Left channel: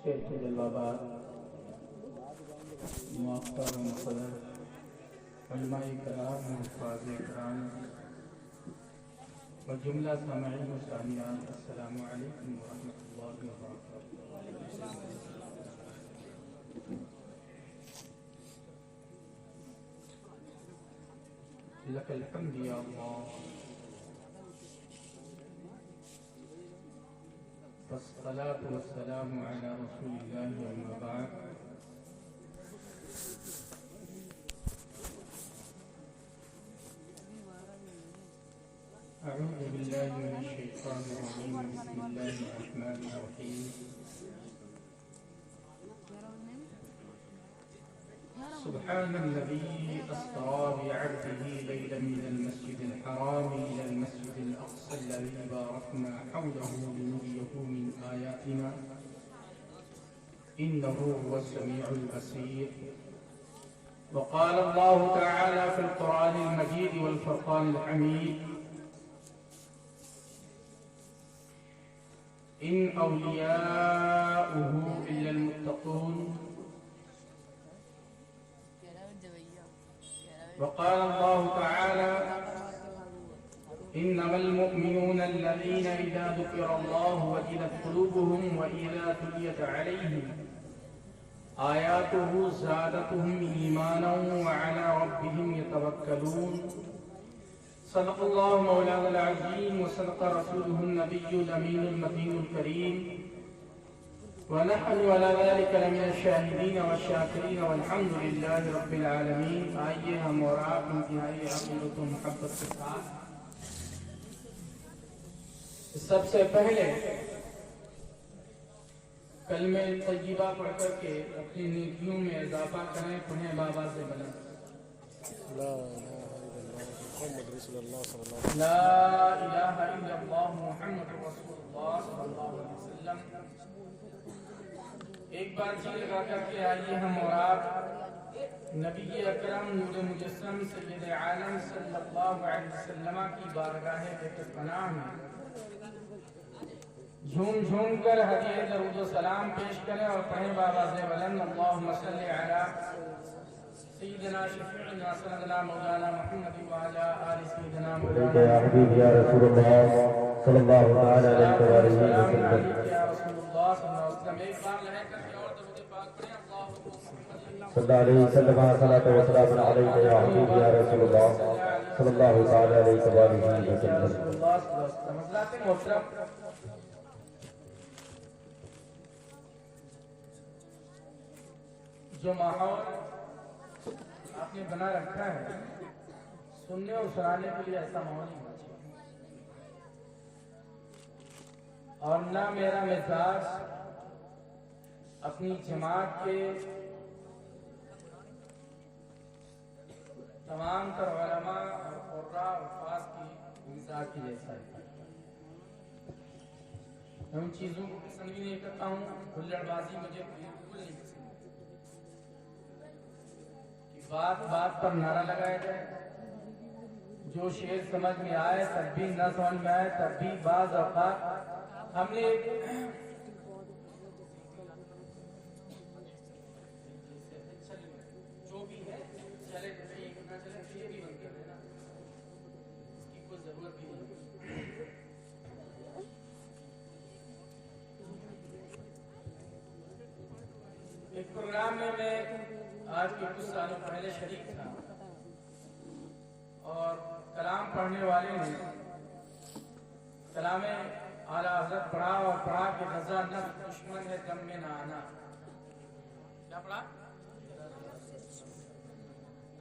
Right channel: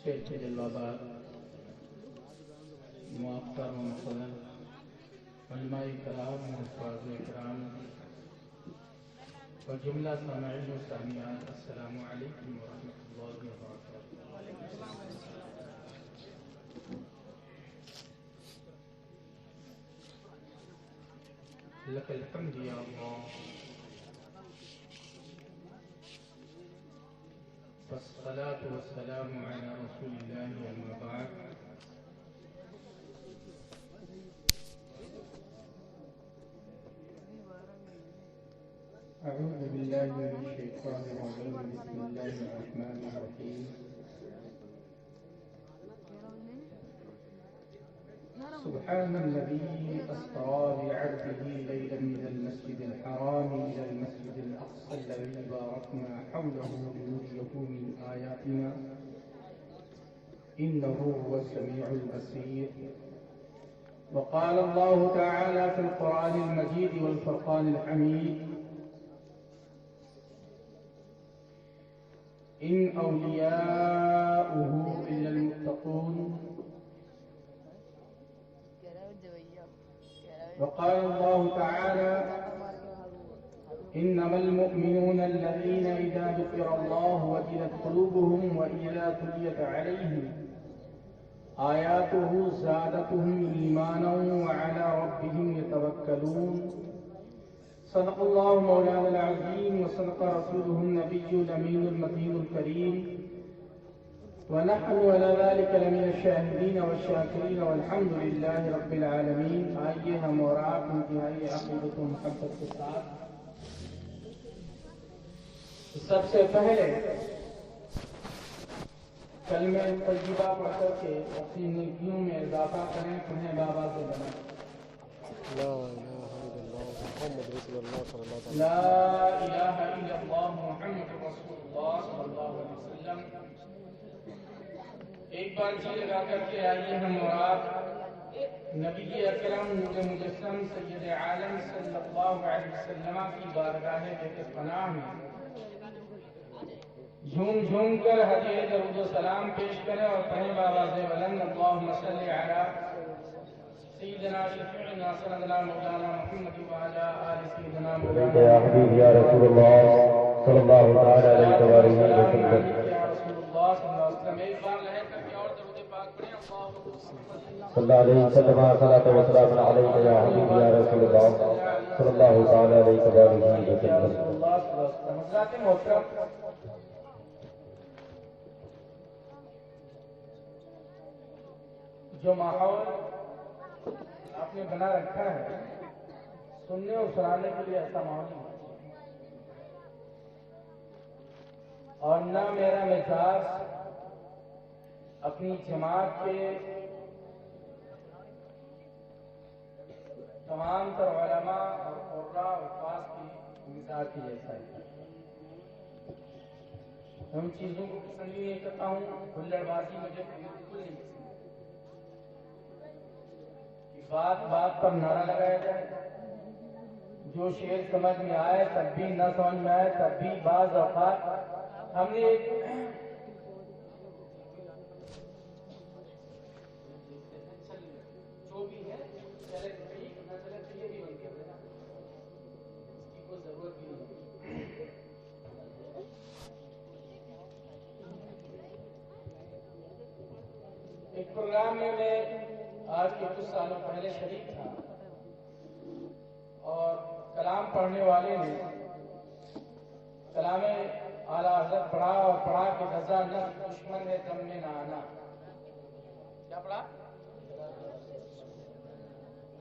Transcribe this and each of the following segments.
Stage کے جلوہ موقر و مقدر علماء کرام حفاظ کرام و جملہ سامعین و سامعات، السلام علیکم ورحمۃ اللہ وبرکاتہ۔ لک الحمد یا اللہ، والصلاة والسلام علی رسول اللہ اما بعد۔ اعوذ باللہ من الشیطان الرجیم، بسم اللہ الرحمن الرحیم۔ سبحان الذي أسرى بعبده ليلا من المسجد الحرام إلى المسجد الأقصى الذي باركنا حوله لنريه من آياتنا إنه هو السميع البصير۔ وقال الله تعالى في القرآن المجيد والفرقان الحميد: إن أولياؤه إلا المتقون۔ وقال الله تعالى: إنما المؤمنون الذين إذا ذكر الله وجلت قلوبهم وإذا تليت عليهم آياته زادتهم إيمانا وعلى ربهم يتوكلون۔ صدق الله مولانا العظيم وصدق رسوله النبي الأمين المتين الكريم، ونحن على ذلك لمن الشاهدين والشاكرين والحمد لله رب العالمين۔ آئیے ہم اور آپ انتہائی عقیدت و محبت کے ساتھ سب سے پہلے کلمہ طیبہ پڑھ کر کے اپنی نیکیوں میں اضافہ کریں۔ پڑھیں بابا سے بنا لا الہ الا اللہ محمد رسول اللہ صلی اللہ علیہ وسلم۔ لا الہ الا اللہ محمد رسول اللہ صلی اللہ علیہ وسلم۔ ایک بار جی لگا کر کے آئیے ہم اور آپ نبی اکرم نور مجسم سید عالم صلی اللہ علیہ وسلم کی بارگاہ بے پناہ میں جھوم جھوم کر ہدیہ درود و سلام پیش کریں اور پڑھیں بآواز بلند: اللہم صلی علی سیدنا شفیعنا سندنا مولانا محمد وعلی آل سیدنا مولانا یا حبیب یا رسول اللہ صلی اللہ علیہ وسلم۔ یا رسول اللہ صلی اللہ علیہ وسلم۔ ایک بار لہے کر کے اور درود پاک پڑھیں: صلی اللہ علیہ وسلم، صلاۃ و سلام علیک یا حبیب یا رسول اللہ صلی اللہ تعالی علیہ وسلم۔ حضرات محترم، جو ماحول آپ نے بنا رکھا ہے سننے اور سنانے کے لیے ایسا ماحول نہیں ہونا چاہیے، اور نہ میرا مزاج اپنی جماعت کے تمام تر علماء اور قراء اور خاص کی مزاج کی جیسا ہے۔ میں ان چیزوں کو پسند بھی نہیں کرتا ہوں، ہلڑ بازی مجھے بالکل نہیں پسند۔ بات بات پر نعرہ لگایا جائے، جو شعر سمجھ میں آئے تب بھی، نہ سمجھ میں آئے تب بھی۔ بعض اوقات ہم نے ایک جو بھی ہے چلے تو صحیح، نہ چلے تو یہ بھی بن گیا نا، اس کی کوئی ضرورت بھی نہیں۔ ایک پروگرام میں آج کے کچھ سالوں پہلے شریک تھا، اور کلام پڑھنے والے نے کلام اعلیٰ حضرت پڑھا اور پڑھا کہ رضا نفس دشمن ہے دم میں نہ آنا۔ کیا پڑھا؟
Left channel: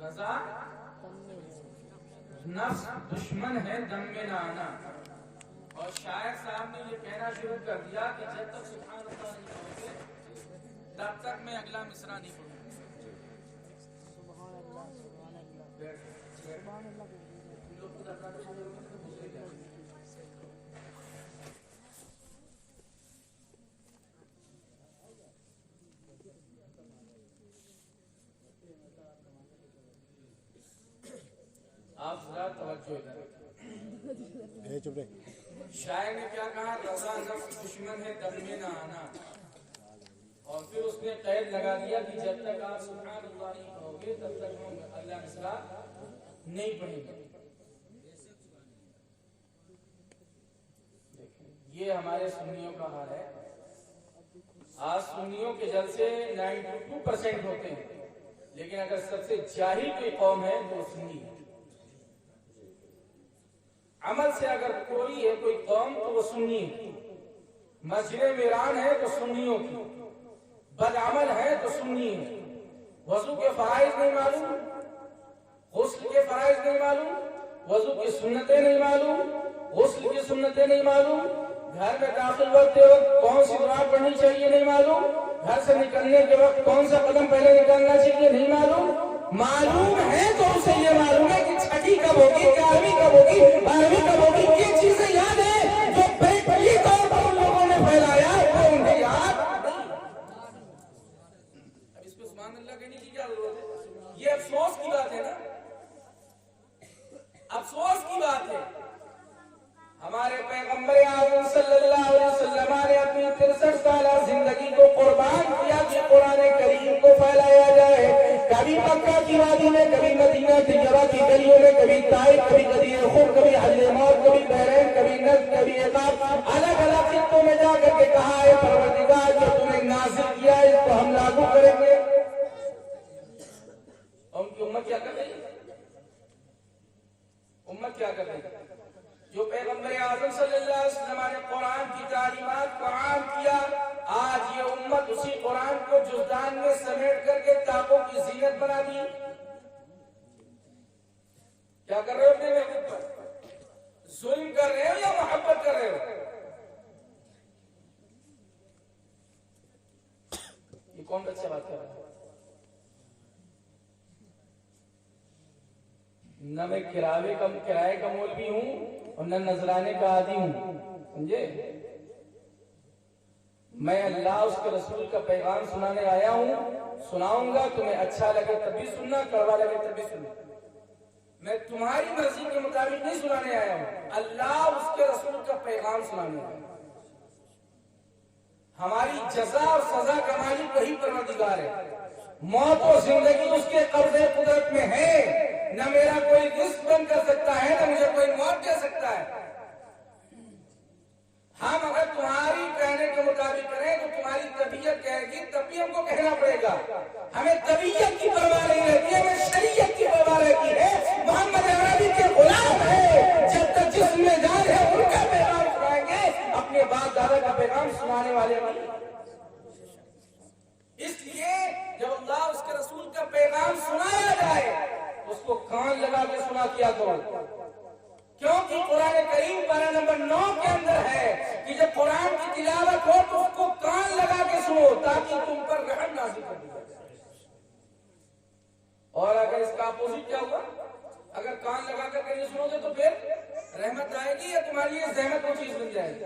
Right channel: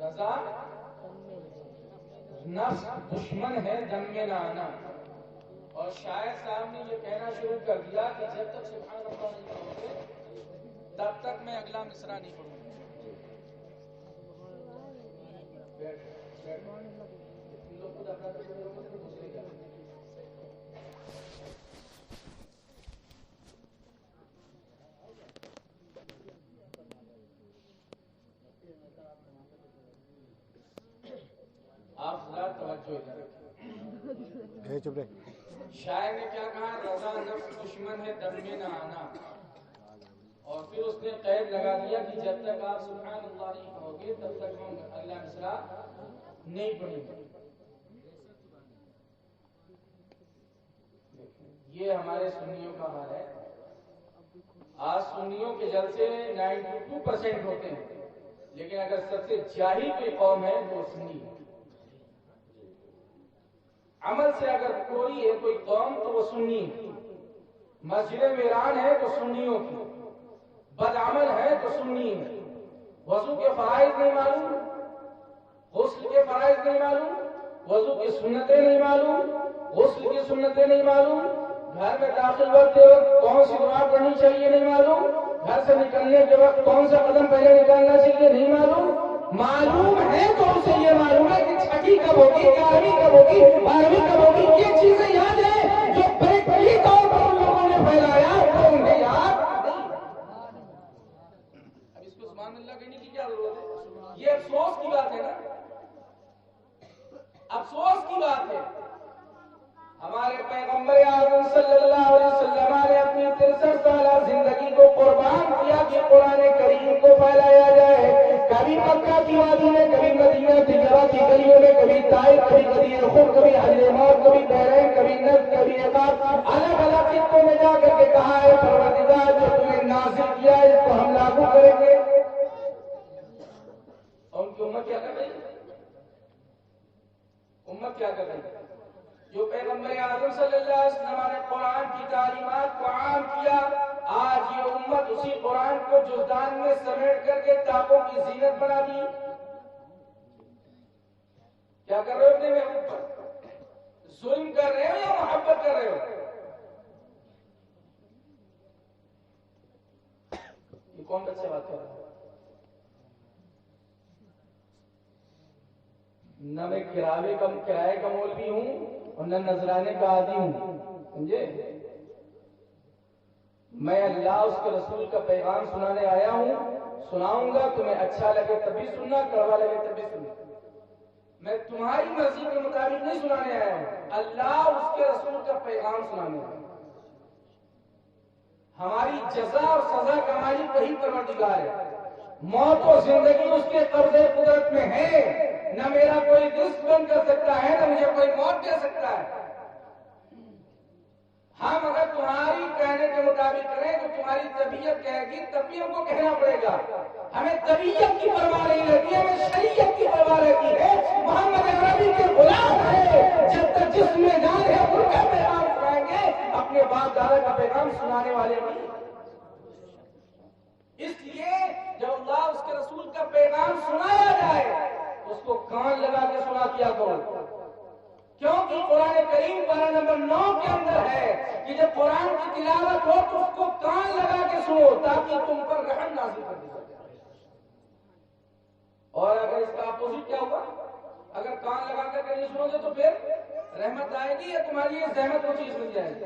رضا نفس دشمن ہے دم میں نہ آنا۔ اور شاعر صاحب نے یہ کہنا شروع کر دیا کہ جب تک سبحان اللہ نہیں پڑھو گے تب تک میں اگلا مصرع نہیں پڑھوں گا۔ آپ ذرا توجہ ادھر۔ چپ رہے۔ شاعر نے کیا کہا؟ رضا نفس دشمن ہے دم میں نہ آنا۔ اس نے قید لگا دیا کہ جب تک آپ سبحان اللہ نہیں کہو گے تب تک ہم اللہ مصرا نہیں پڑھیں گے. یہ ہمارے سنیوں کا حال ہے. آج سنیوں کے جلسے 92% ہوتے ہیں، لیکن اگر سب سے جاہل کوئی قوم ہے تو سنی ہے. عمل سے اگر کوئی ہے کوئی قوم تو وہ سنی ہے. مسجد میران ہے تو سنیوں کی، بدعمل ہے تو سنی ہے. وضو کے فرائض نہیں معلوم، غسل کے فرائض نہیں معلوم، وضو کی سنتیں نہیں معلوم، غسل کی سنتیں نہیں معلوم، گھر میں داخل ہوتے وقت کون سی دعا پڑھنی چاہیے نہیں معلوم، گھر سے نکلنے کے وقت کون سا قدم پہلے نکالنا چاہیے نہیں معلوم. معلوم ہے تو اسے یہ معلوم ہے کہ چھٹی کب ہوگی، 11ویں کب ہوگی، 12ویں کب ہوگی. یہ چیزیں یاد ہیں جو پریکٹیکلی طور پر ان لوگوں نے پھیلایا وہ انہیں یاد نہیں. اب اس کو سبحان اللہ کہنے کی کیا ضرورت ہے؟ یہ افسوس کی بات ہے نا، افسوس کی بات ہے. ہمارے پیغمبر اعظم صلی اللہ علیہ وسلم نے اپنی 63 سالہ زندگی کو قربان کیا کہ قرآن کریم کو پھیلایا جائے. کبھی مکہ کی وادی میں، کبھی مدینہ طیبہ کی گلیوں میں، کبھی طائف، کبھی غدیر خم، کبھی حضرموت، کبھی بحرین، کبھی نجد، کبھی عقاب، الگ الگ خطوں میں جا کر کے کہا ہے پروردگار جو تم نے نازل کیا ہے اس کو ہم لاگو کریں گے. اور ان کی امت کیا کر رہی ہے؟ امت کیا کر رہی ہے؟ جو پیغمبر اعظم صلی اللہ علیہ وسلم نے قرآن کی تعلیمات کو عام کیا، آج یہ امت اسی قرآن کو جزدان میں سمیٹ کر کے تاقوں کی زینت بنا دی. کیا کر رہے ہو اپنے محبوب پر؟ ظلم کر رہے ہو یا محبت کر رہے ہو؟ یہ کون بچہ بات کر رہا ہے؟ نہ میں کرائے کا مولوی ہوں اور نہ نذرانے کا عادی ہوں، سمجھے؟ میں اللہ اس کے رسول کا پیغام سنانے آیا ہوں. سناؤں گا، تمہیں اچھا لگے تبھی سننا، کڑوا لگے تبھی سننا. میں تمہاری مرضی کے مطابق نہیں سنانے آیا ہوں، اللہ اس کے رسول کا پیغام سنانے آیا ہوں. ہماری جزا اور سزا کا مالک وہی پروردگار ہے. موت و زندگی اس کے قبضے قدرت میں ہے. نہ میرا کوئی رزق بند کر سکتا ہے، نہ مجھے کوئی موت دے سکتا ہے. ہم اگر تمہاری کہنے کے مطابق کریں تو تمہاری طبیعت کہے گی تب بھی ہم کو کہنا پڑے گا. ہمیں طبیعت کی پرواہ نہیں رہتی، ہمیں شریعت کی پرواہ رہتی ہے. محمد عربی کے غلام ہے، جب تک جسم میں جان ہے ان کا پیغام سنائیں گے، اپنے باپ دادا کا پیغام سنانے والے نہیں. اس لیے جب اللہ اس کے رسول کا پیغام سنایا جائے اس کو کان لگا کے سنا کیا کرو. کیونکہ قرآن کریم پارہ نمبر 9 کے اندر ہے کہ جب قرآن کی تلاوت ہو تو اس کو کان لگا کے سنو تاکہ تم پر رحم نازل کر دی جائے. اور اگر اس کا اپوزٹ کیا ہوگا؟ اگر کان لگا کر نہیں سنو گے تو پھر رحمت آئے گی یا تمہارے لیے زحمت وہ چیز بن جائے گی.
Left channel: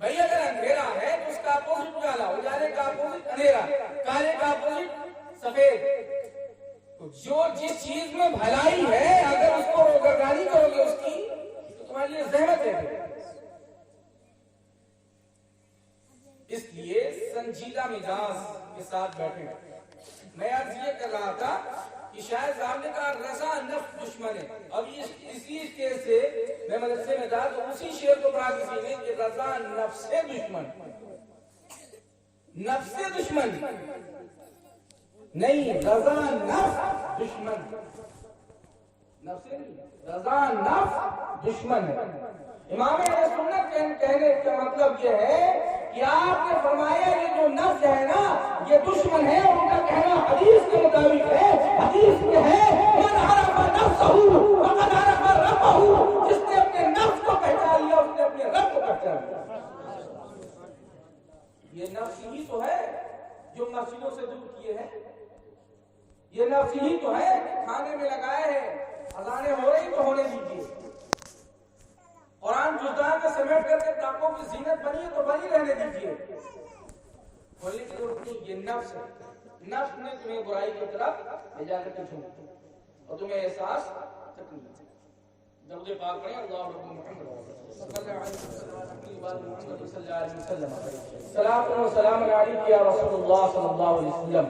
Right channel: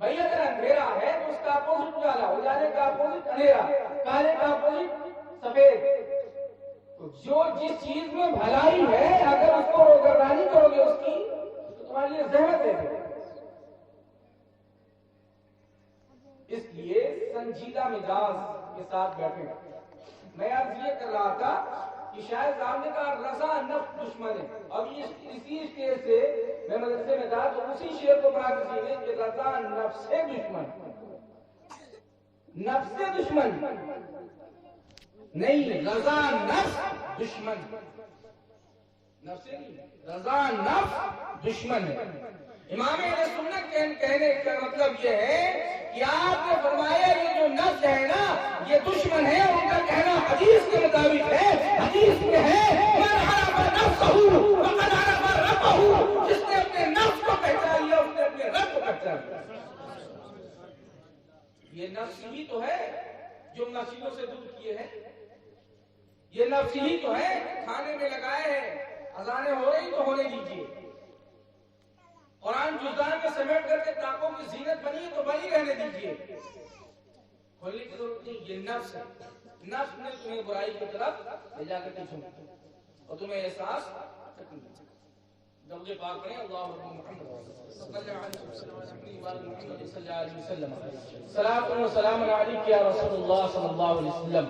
بھائی اگر اندھیرا ہے تو اس کا اپوزٹ کالا، اجالے کا اپوزٹ اندھیرا، کالے کا اپوزٹ سفید. جو جس چیز میں بھلائی ہے اگر اس کو روگردانی کرو گے اس کی تو تمہارے لیے زحمت ہے. اس لیے سنجیدہ مزاج کے ساتھ بیٹھے. میں آج یہ کر رہا تھا کہ شاید صاحب نے کہا رضا نفس دشمن ہے. اب اسی اسٹیج سے میں مدرسے میں تھا تو اسی شعر کو پڑھا کسی نے کہ رضا نفس دشمن، نفس دشمن نہیں، رضا نفس دشمن، نفس رضا نفس دشمن ہے. امام اہل سنت کہنے کا مطلب یہ ہے کہ آپ نے فرمایا یہ جو نفس ہے نا یہ دشمن ہے. ان کا کہنا حدیث کے مطابق ہے، حدیث میں ہے من عرف نفسہ فقد عرف ربہ. جس نے اپنے نفس کو پہچان لیا اس نے اپنے رب کو پہچان لیا. یہ نفس ہی تو ہے جو مسجدوں سے دور کیے ہیں. یہ نفس ہی تو ہے کھانے میں لگائے ہیں. اذانیں ہو رہی تو ہونے دیجیے. قرآن جزدان میں سمیٹ کر کے تاقوں کی زینت بنی ہے تو بنی رہنے دیجیے. کھولنے کی ضرورت نہیں. یہ نفس ہے. نفس نے تمہیں برائی کی طرف لے جا کر کے چھوڑ اور تمہیں احساس درود پاک پڑھیں اللہم محمد صلی اللہ علیہ وسلم صلاۃ و سلام علیک یا رسول اللہ صلی اللہ علیہ وسلم.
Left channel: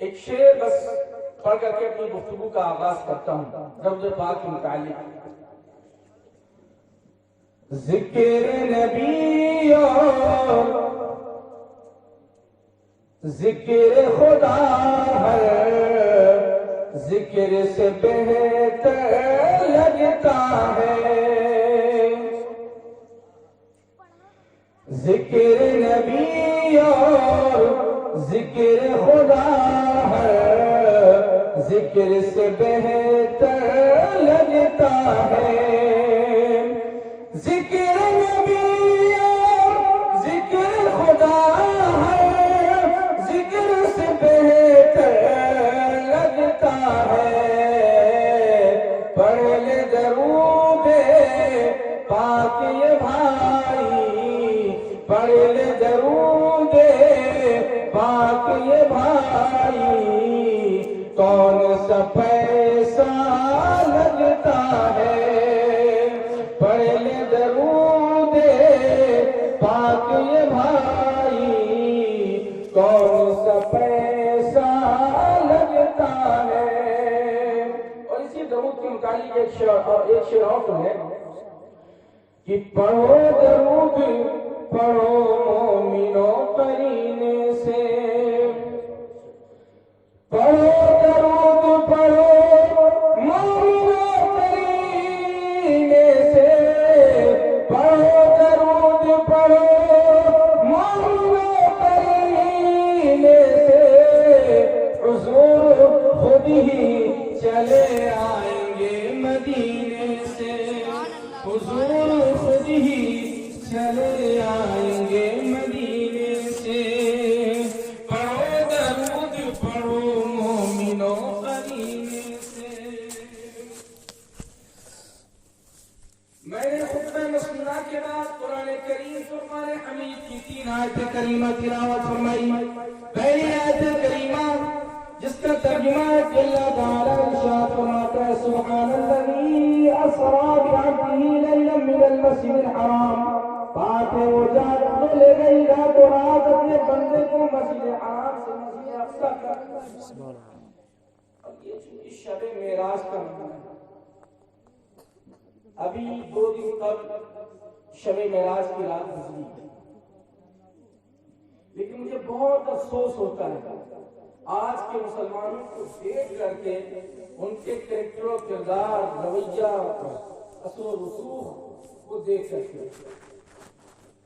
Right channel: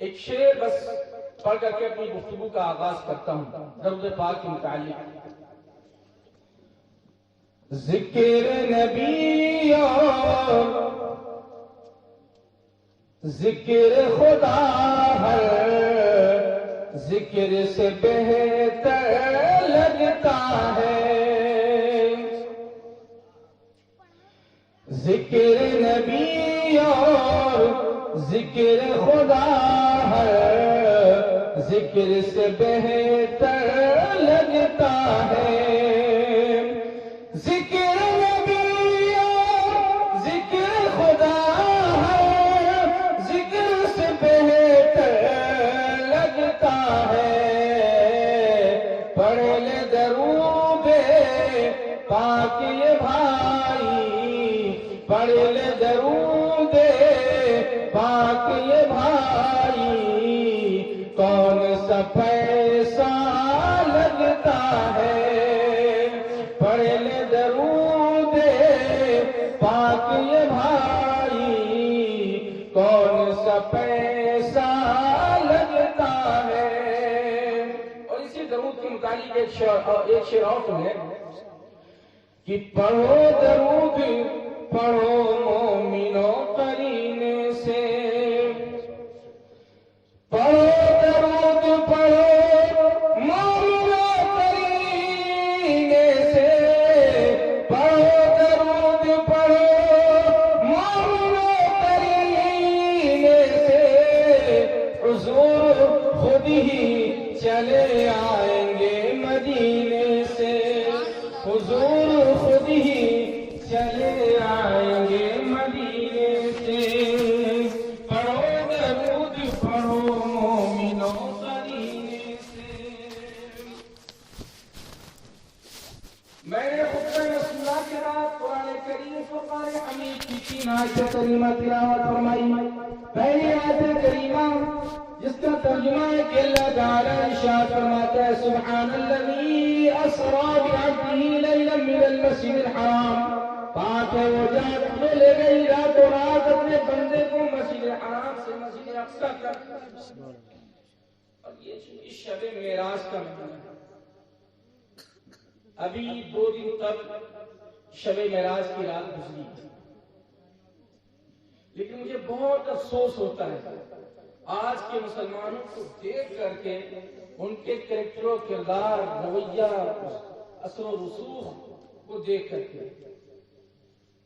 ایک شعر بس پڑھ کر کے اپنی گفتگو کا آغاز کرتا ہوں درود پاک کے متعلق. ذکر نبی اور ذکر خدا ہے ذکر سے بہتر لگتا ہے. ذکر نبی اور ذکر خدا ہے ذکر سے بہتر لگتا ہے. ذکر نبی اور ذکر خدا ہے ذکر سے بہتر لگتا ہے. پڑھ لے درود پاک یہ بھائی پڑھ لے درود پاک یہ بھائی کون سا پیسہ لگتا ہے. پڑھ لے درود پاک یہ بھائی کون سا پیسہ لگتا ہے. اور اسی درود کے متعلق ایک شعر اور ہے کہ پڑھو درود پڑھو مومنو قرینے سے. پڑھو درود پڑھو مومنو قرینے سے. پڑھو درود پڑھو مومنو قرینے سے. حضور خود ہی چلے آئیں گے مدینے سے. حضور خود ہی چلے آئیں گے مدینے سے. پڑھو درود پڑھو مومنو قرینے سے. میں نے خطبہ مسئلہ کے بعد قرآن کریم فرقان حمید کی 3 آیت کریمہ تلاوت فرمائی. پہلی آیت کریمہ جس کا ترجمہ ہے کہ اللہ تعالیٰ ارشاد فرماتا ہے سبحان الذی اسریٰ بعبدہ لیلا من المسجد الحرام. پاک ہے وہ ذات جو لے گئی رات و رات اپنے بندے کو مسجد حرام سے مسجد اقصی تک. اور یہ اس شب معراج کا مہینہ ہے. ابھی 2 دن تک شب معراج کی رات گزری لیکن مجھے بہت افسوس ہوتا ہے آج کے مسلمانوں کو دیکھ کر کے ان کے کریکٹر و کردار رویہ اثر و رسوخ کو دیکھ کر کے.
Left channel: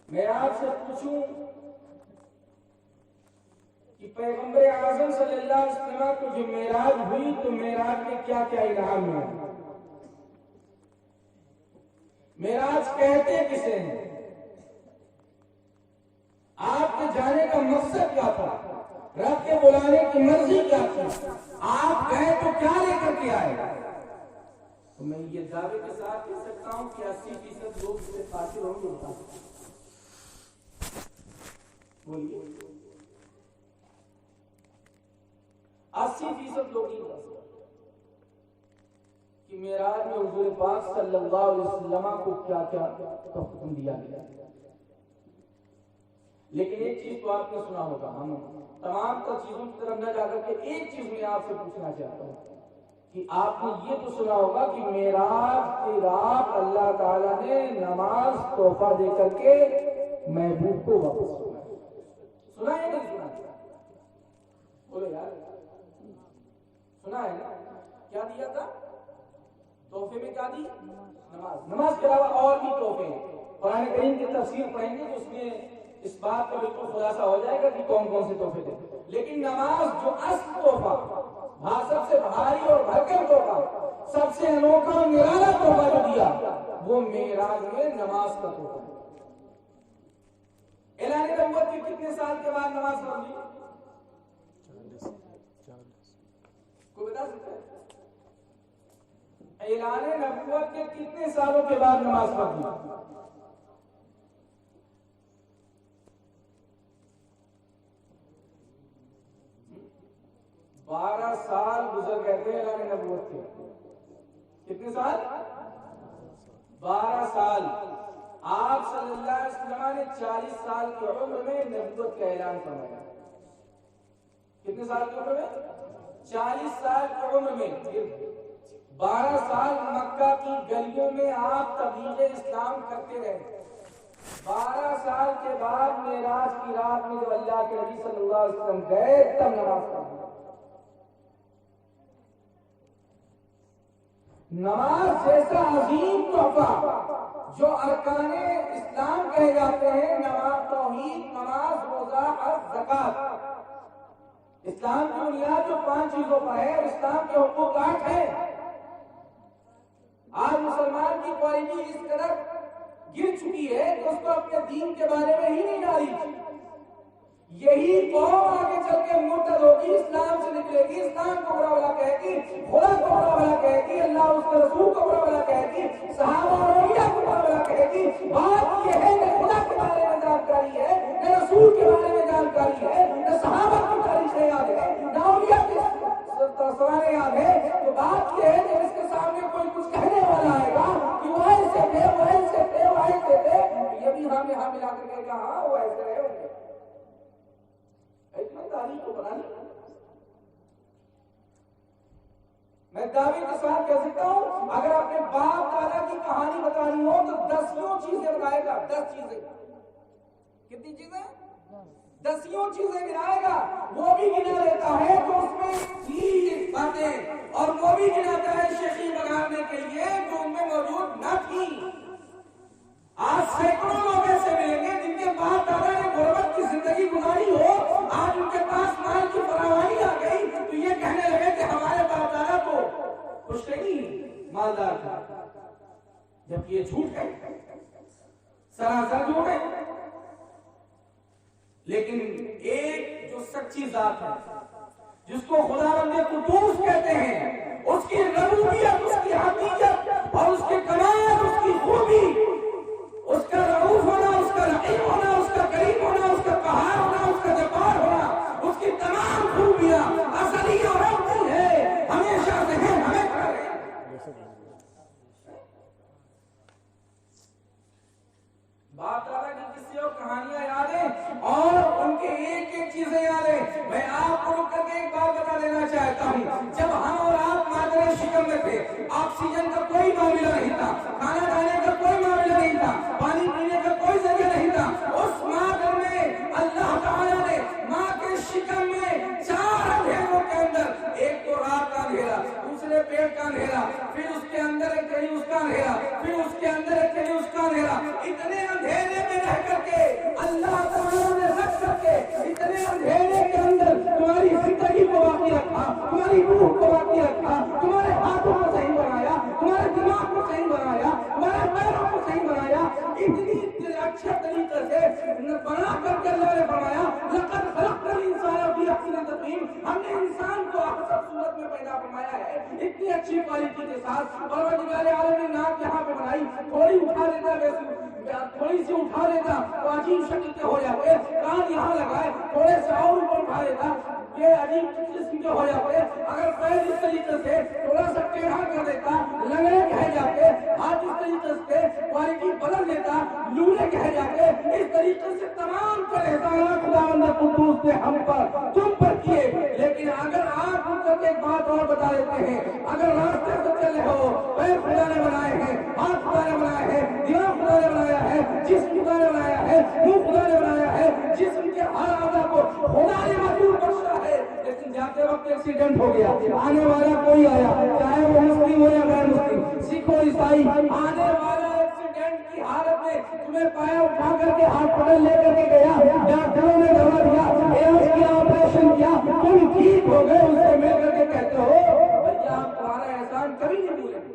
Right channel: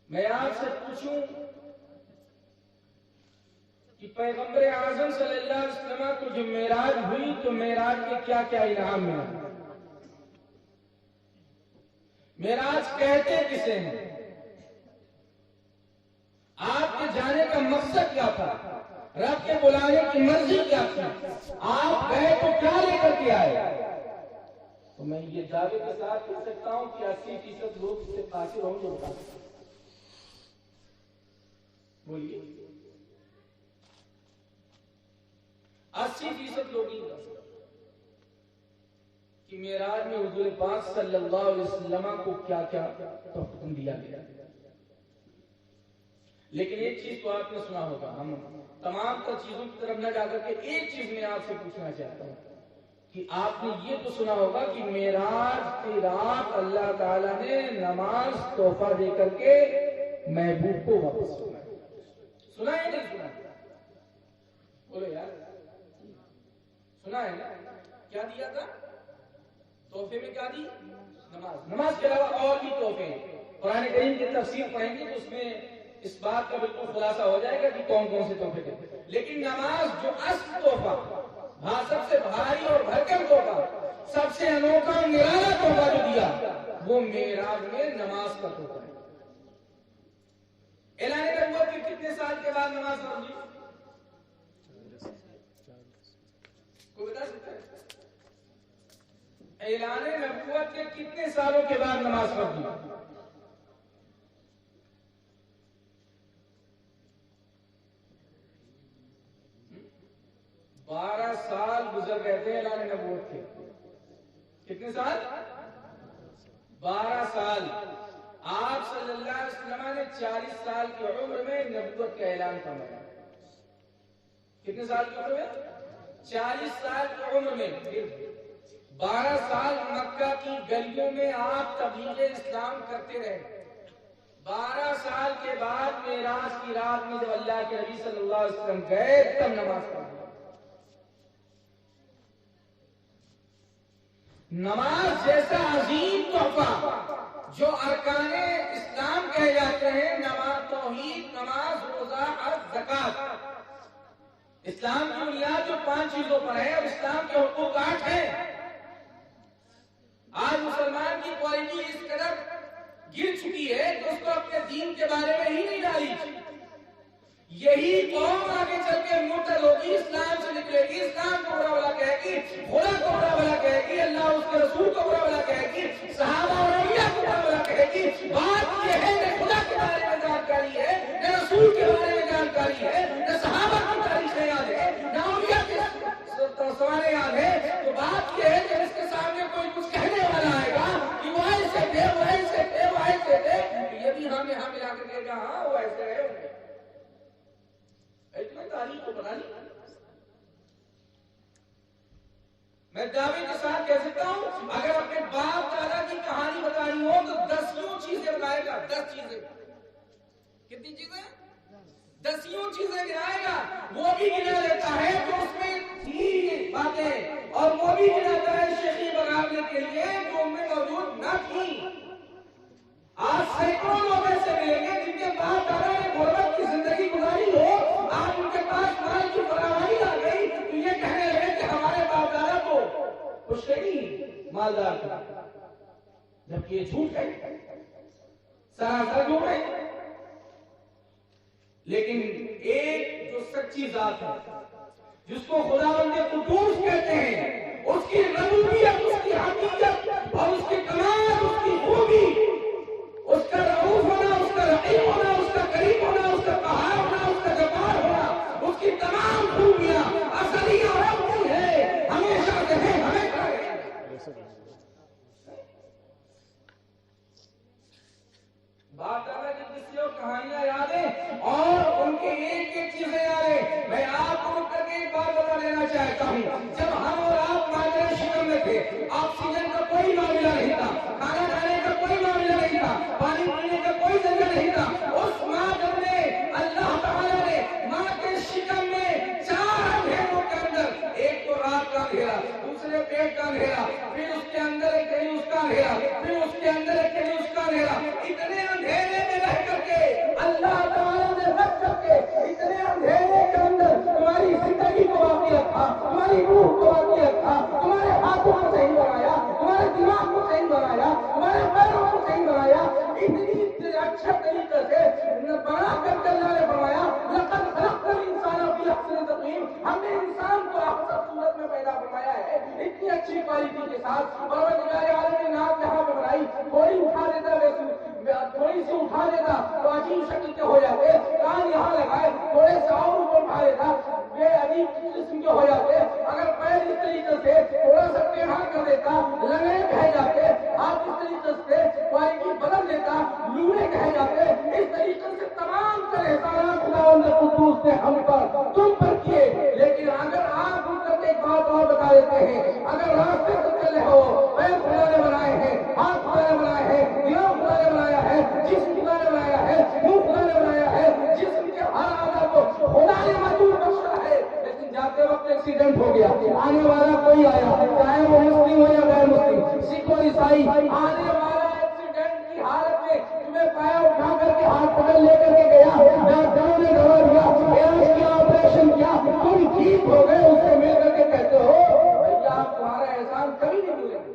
میں آپ سے پوچھوں کہ پیغمبر اعظم صلی اللہ علیہ وسلم کو جو معراج ہوئی تو معراج کے کیا کیا انعام ہیں؟ معراج کہتے کسے ہیں؟ آپ کے جانے کا مقصد کیا تھا؟ رب کے بلانے کی مرضی کیا تھی؟ آپ گئے تو کیا لے کر کے آئے؟ تو میں یہ دعوے کے ساتھ کہہ سکتا ہوں کہ 80% لوگ سے قاصر ہوں گے. بتا سکتے بولیے 80% لوگ ہی کہ معراج میں حضور پاک صلی اللہ علیہ وسلم کو کیا کیا حکم دیا گیا. لیکن ایک چیز تو آپ نے سنا ہوگا. ہم تمام تر چیزوں کی طرف نہ جا کر کے ایک چیز میں آپ سے پوچھنا چاہتا ہوں کہ آپ نے یہ تو سنا ہوگا کہ معراج کی رات اللہ تعالیٰ نے نماز تحفہ دے کر کے محبوب کو واپس سنا ہے نہیں سنا؟ بولو یار سنا ہے نا؟ کیا دیا تھا تحفے میں؟ کیا دی؟ نماز کے علاوہ اور بھی تحفے. قرآن کریم کی تفسیر پڑھیں گے تو اس میں اس بات کا بالکل خلاصہ ہو جائے گا کہ کون کون سے تحفے تھے. لیکن نماز جو اصل تحفہ سب سے بھاری اور بھرکم تحفہ سب سے انوکھا اور نرالا تحفہ جو دیا وہ معراج میں نماز کا تحفہ ہے. اعلان نبوت کے کتنے سال کے بعد نماز پڑھی؟ کوئی بتا سکتا ہے؟ اعلان نبوت کے کتنے سالوں کے بعد نماز پڑھی؟ 12 سال گزر گئے تھے اعلان نبوت کے. کتنے سال؟ 12 سال. آپ صلی اللہ علیہ وسلم نے 40 سال کی عمر میں نبوت کا اعلان فرمایا. کتنے سال کی عمر میں؟ 40 سال کی عمر میں. 12 سال مکہ کی گلیوں میں آپ تبلیغ اسلام کرتے رہے. 12 سال کے بعد معراج کی رات میں جب اللہ کے نبی صلی اللہ علیہ وسلم گئے تب نماز پڑھی. نماز جیسا عظیم تحفہ جو ارکان اسلام کہے جاتے ہیں، نماز، توحید، نماز، روزہ، حج، زکات، اسلام کی بنیاد جو 5 چیزوں پر ہے، اور اسلام کے حقوق 8 ہیں. آج مسلمان کی کوالٹی اس قدر گر چکی ہے کہ اس کو اپنے دین کے بارے میں ہی نہیں ڈالی. یہی قوم آگے چل کے مرتد ہوگی، اسلام سے نکلے گی، اسلام کو برا بھلا کہے گی، خدا کو برا بھلا کہے گی، اللہ اس کے رسول کو برا بھلا کہے گی، صحابہ اور اولیاء کو برا بھلا کہے گی. بات یہ ہے نہ خدا کے بارے میں جانکاری ہے، نہ رسول کے بارے میں جانکاری ہے، نہ صحابہ کی تاریخیں یاد ہے، نہ اولیاء کی سوانح یاد ہے. تو بات یہ ہے کہ اس کے سامنے کوئی کچھ کہنے والا آئے گا کہ وہ ایسے تھے، وہ ایسے تھے، وہ ایسے تھے، یہ بھی ہم یہاں ملا کر کہے گا ہاں وہ ایسے رہے ہوں گے. تاریخ کو بنا لی. میں دعوے کے ساتھ کہہ سکتا ہوں اگر اپنے باپ دادا کی کہانی بتانی ہو تو 10 چیزیں بتائے گا. 10 چیزیں. کتنی چیزیں؟ 10 چیزیں گنائے گا. وہ بھی گنا لیتا ہے تو اس میں تھی باتیں، اور وہ بھی گناتا ہے شیخی بگاڑنے کے لیے جو ان میں موجود نہ تھی. آج سینکڑوں لوگ ایسے ملیں گے جن کے باپ دادا نے غربت کی زندگی گزاری ہو، آج ان کے پاس مال کی فراوانی آ گئی تو یہ کہنے لگے کہ ہمارے باپ دادا کو کچھ نہیں مالدار تھا، جبکہ یہ جھوٹ ہے، سراسر جھوٹ ہے. لیکن ایک جو سچی ذات ہے جس کو خداوند قدوس کہتے ہیں، اس کی ربوبیت، اس کی حقیقت اور اس کے کمال، اس کی خوبی، اس کا رؤوف ہونا، اس کا رحیم ہونا، اس کا کریم ہونا، اس کا قہار ہونا، اس کا جبار ہونا، اس کی تمام خوبیاں ازلی اور ابدی ہے، ہمیشہ سے ہے، ہمیشہ رہے. باپ دادا کی قصے اور کہانیاں یاد ہیں اور ان کے ایک ایک چیزیں یاد ہیں. میں آپ کو رک کر کے ایک بات بتا دینا چاہتا ہوں. جب ہم اور آپ مادر شکم میں تھے، آکسیجن کا کوئی معاملہ نہیں تھا، کھانا کھانے کا کوئی معاملہ نہیں تھا، پانی پینے کا کوئی ذریعہ نہیں تھا. اس مادر میں اللہ تعالیٰ نے ماں کے شکم میں 4 اندھیروں کے اندر، ایک تو رات کا اندھیرا، دوسرے پیٹ کا اندھیرا، پھر اس کے اندر ایک کہیں اس کا اندھیرا، پھر اس کے اندر ایک کہیں اس کا اندھیرا، اتنے اندھیرے میں رہ کر کے اللہ تعالیٰ نے رکھ کر کے اتنے اندھیرے کے اندر تمہاری زندگی کو باقی رکھا، تمہاری روح کو باقی رکھا، تمہارے ہاتھوں کو صحیح بنایا، تمہارے دماغ کو صحیح بنایا، تمہارے پیروں کو صحیح بنایا. اتنی اچھا طریقے سے بنا کر کے اللہ نے فرمایا لقد خلقنا الانسان فی احسن تقویم. ہم نے انسان کو احسن صورت میں پیدا فرمایا ہے، اتنی اچھی کوالٹی کے ساتھ. پروردگار عالم نے ناک یہاں پہ بنائی، تھوڑی اٹھا دیتا، تھوڑی سی اٹھا دیتا تو عجیب شکل کے ہو جاتے. کان یہاں لگائے، تھوڑے سے اور کو اٹھا دیتا، یہ عجیب قسم کے ہو جاتے. اگر پیر اس طریقے سے تھوڑا سا ٹیڑھا کر دیتا، لنگڑے کہے جاتے. ہاتھ اس طریقے سے کوالٹی بدل دیتا، لوڑے کہے جاتے. اس طریقے سے تمام طرح احسانات خداوند قدوس نے ہم پر، تم پر کیے. لیکن اگر آپ ان کو ایک بات اور بتا دیتے ہیں، اگر راستے سے چل رہے ہو، پیر خدا نے بنائے ہیں، ہاتھ خدا نے بنائے ہیں، دماغ خدا نے بنایا ہے، جسم خدا نے بنایا ہے، منہ خدا نے بنایا ہے، جسم کے ہر اعضاء کو خدا نے مجبور بخشا ہے. لیکن جاتے وقت ایکسیڈنٹ ہو گیا، آنے والا کوئی آیا، چاہے وہ مسلم ہو یا غیر مسلم، سکھ اور عیسائی، آنے والا ایکسیڈنٹ کی حالت میں تمہیں پایا اٹھا کر کے ہاتھ پکڑ لے کر کے گیا، ڈاکٹروں نے دوا دیا، علاج کیا، آپریشن کیا، تم ٹھیک ہو گئے. اس سے مل کر کے کہتے ہو بھیا ہم تمہارا احسان کبھی نہیں بھولیں گے.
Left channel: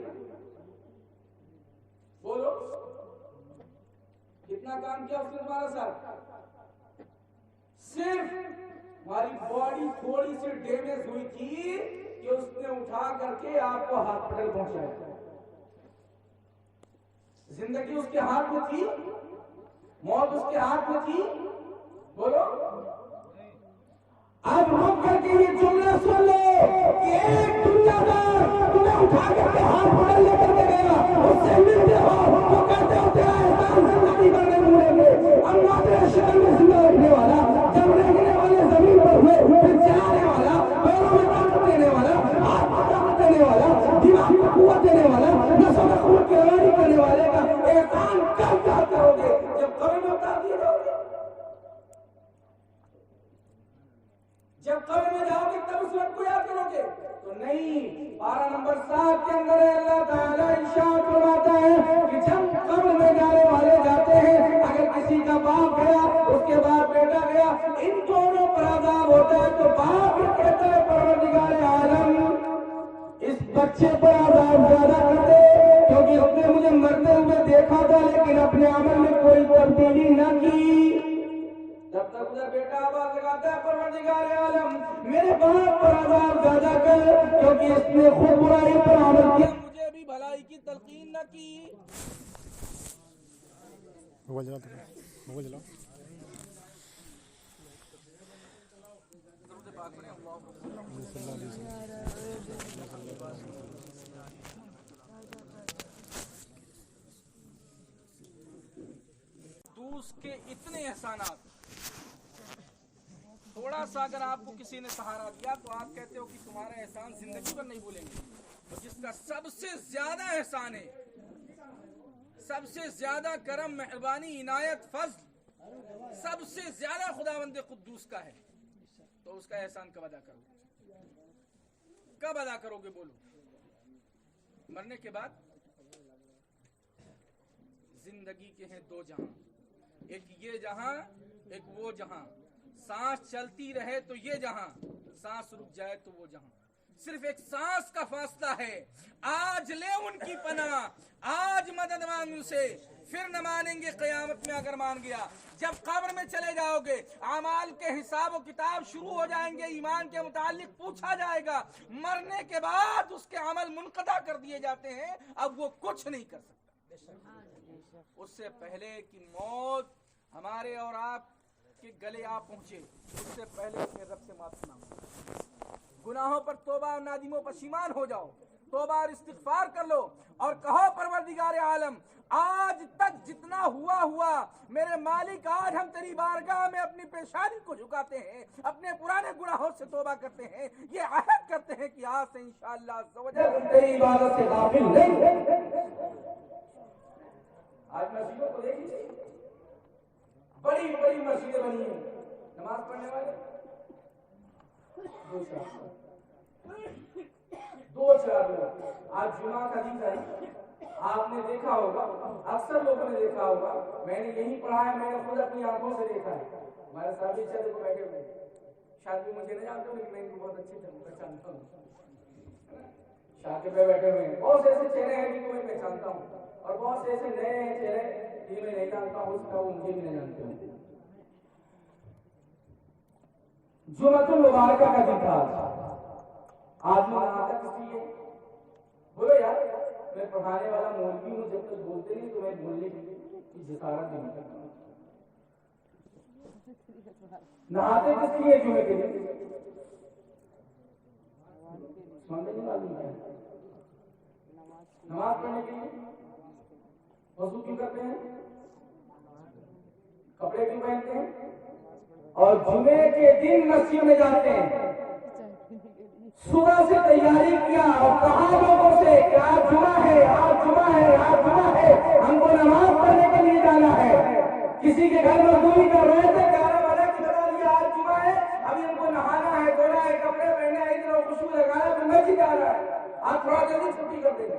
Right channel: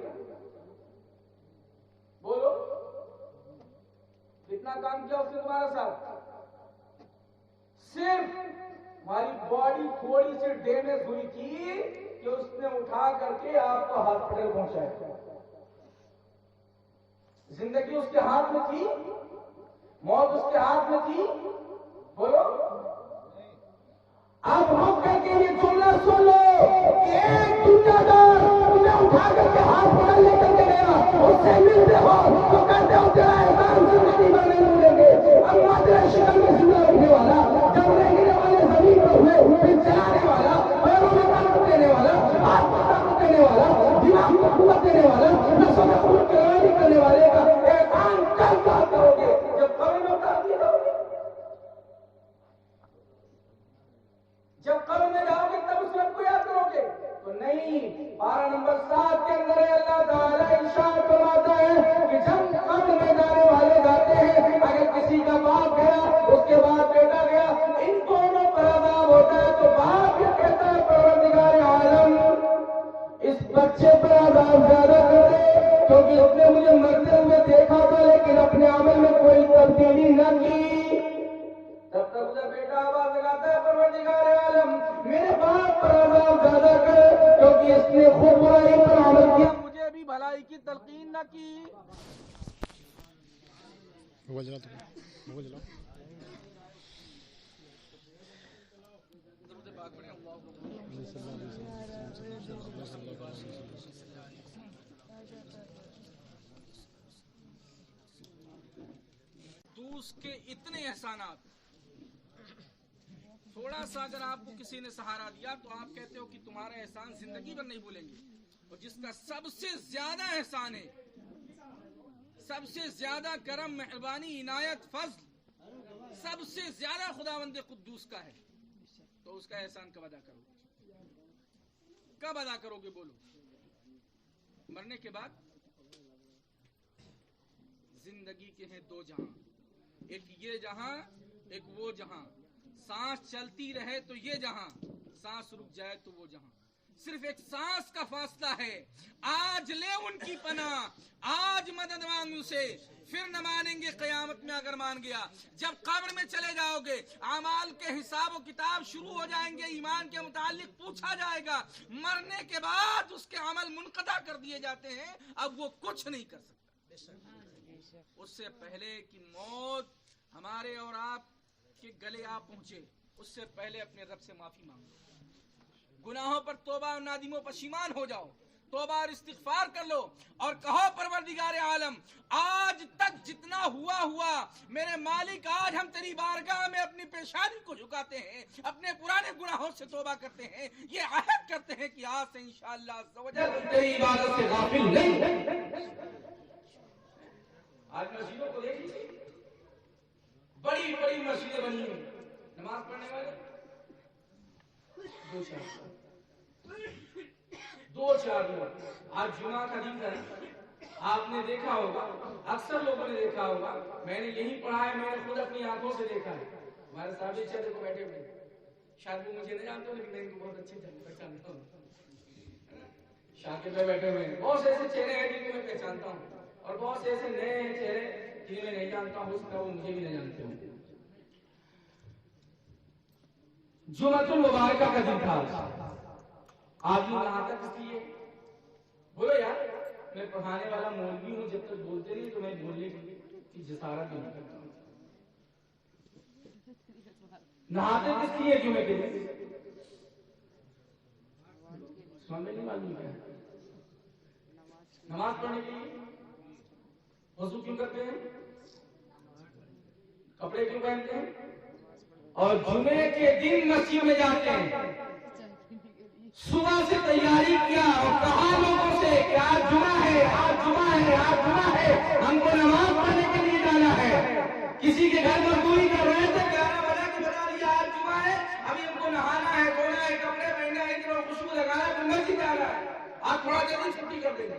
بولو کتنا کام کیا اس نے تمہارا ساتھ. صرف ہماری باڈی تھوڑی سی ڈیمیج ہوئی تھی کہ اس نے اٹھا کر کے آپ کو ہاسپٹل پہنچایا. زندگی اس کے ہاتھ میں تھی، موت اس کے ہاتھ میں تھی. بولو اب رک کر کے یہ جملہ سن لو، کہ ایک دنیا دار تمہیں اٹھا کر کے ہاتھ پکڑ لے کر کے گیا، اس سے ملتے ہو تو کہتے ہو تیرا احسان زندگی بھر نہیں بھولیں گے. اب معاشرے شکل میں زندہ رکھنے والا، جب رہنے والے زمین پر ہوئے پھر چلانے والا، پیروں میں طاقت دینے والا، ہاتھ میں طاقت دینے والا، دماغ میں قوت دینے والا، نسوں میں خون کی روانی کرنے والے کا احسان کب یاد کرو گے؟ جب قبر میں اتار دیے جاؤ گے. جب قبر میں جاؤ گے تب اس وقت کو یاد کرو گے تو نہیں. پارہ نمبر 7 کے اندر اللہ تعالیٰ ارشاد فرماتا ہے کہ جب قبر میں جانے والے جاتے ہیں، اگر کسی کا باپ گیا، اس کے بعد بیٹا گیا، ان دونوں پر عذاب ہوتا ہے تو باپ یہ کہتا ہے پروردگار عالم اس بچے پر عذاب زیادہ کر دے، کیونکہ اس نے مجھے مرتے ہوئے دیکھا تھا لیکن اپنے عمل میں کوئی تبدیلی نہ کی. تب تک ادھر بیٹا آواز لگاتا ہے پروردگار عالم میرے باپ پر عذاب زیادہ کر، کیونکہ اس نے خود برائی پر عمل کیا، مجھے بھی بھلائی کی تلقین نہ کی. موبائل چلا موبائل چلا. دوست کے اتنے احسانات، تھوڑا سا اگر آپ کو کسی نے سہارا دیا تو آپ کہتے ہو کہ تمہارا احسان زندگی پر نہیں بھولیں گے. اور جس کا سب سے زیادہ احسان ہے، سب سے زیادہ کرم، مہربانی، عنایت، فضل سب سے زیادہ خداوند قدوس کا ہے، تو اس کا احسان کب ادا کرو گے؟ کب ادا کرو گے؟ بولو. مرنے کے بعد زندگی کے ہیں 2 جہاں، ایک یہ جہاں، ایک وہ جہاں. سانس چلتی رہے تو یہ جہاں، سانس رک جائے تو وہ جہاں. صرف ایک سانس کا فاصلہ ہے. آج لے ان کی پناہ، آج مدد مانگ اسے، پھر نہ مانیں گے قیامت میں اگر مان گیا. جب قبر میں چلے جاؤ گے، اعمال کے حساب و کتاب شروع ہو جائیں گے، ایمان کے متعلق پوچھا جائے گا. مرنے کے بعد اس کے عمل منقطع کر دیے جاتے ہیں، اب وہ کچھ نہیں کر سکتا. اس سے پہلے کہ موت ہمارے اور آپ کے گلے آ پہنچے، اس سے پہلے اپنے رب سے معافی مانگو. گناہوں پر توبہ اور نادم و پشیمان ہو جاؤ، توبہ اور استغفار کر لو اور کہو پروردگار عالم آج تک جتنا ہوا میرے مالک، آج ہم تیری بارگاہ میں اپنی پیشانی کو جھکاتے ہیں، اپنے پرانے گناہوں سے توبہ کرتے ہیں، یہ عہد کرتے ہیں کہ آج سے انشاءاللہ عز و جل تیری عبادت سے غافل نہیں. آج مسجدوں کو دیکھ لیجیے، بڑی بڑی مسجدیں بنی ہیں، نماز پڑھنے والے 2-4 لوگ. آج جمعہ کا دن ہے، آپ نے دیکھا ہوگا، اکثر لوگوں نے دیکھا ہوگا، میں نے یہی پڑھا ہے، میں نے خود اپنی آنکھوں سے دیکھا ہے. ہمارے صاحب چہرے کو بیٹھے ہوئے، شاید وہ مجھے نہیں جانتے ہوں لیکن میں ان کو بہت اچھے سے پہچانتا ہوں. شاکر پہ بیٹھے ہوئے ہیں، بہت ایسے چہرے ہیں جن کو میں پہچانتا ہوں، اور بہت سے ایسے نئے ہیں چہرے جنہیں میں نہیں جانتا ہوں، اس کا وہ مجھے بھی نہیں جانتے ہوں. جمعۃ المبارکہ کا دن تھا. آدمی کہاں تک اس لیے بولو یار، میں پڑھانے والا مولوی ہوں، جب تک بولتے نہیں تو میں بولنے کی جسارت بھی نہیں کرتا. نہاتے کس لیے جمعے کے دن؟ نہیں معلوم ہے. نماز پڑھنے کے لیے. وضو کیوں کرتے ہیں؟ کپڑے کیوں پہنتے ہیں؟ اور جمعے کے دن مسجد میں جاتے ہیں. صبح سے تیاری کیا اور کہا لوگوں سے کہ آج جمعہ ہے، آج جمعہ ہے، آج جمعہ ہے، ہم کو نماز پڑھنے کے لیے جانا ہے. کسی کے گھر مزدوری کر رہے تھے، 11 بجے کی بتا دیا آج جمعہ ہے، ابھی ہم کو نہانا ہے، دھونا ہے، کپڑے پہننا ہے، اتنا خوشبو لگانا ہے، مسجد جانا ہے. آپ تھوڑا جلدی چھٹی کر دیں گے.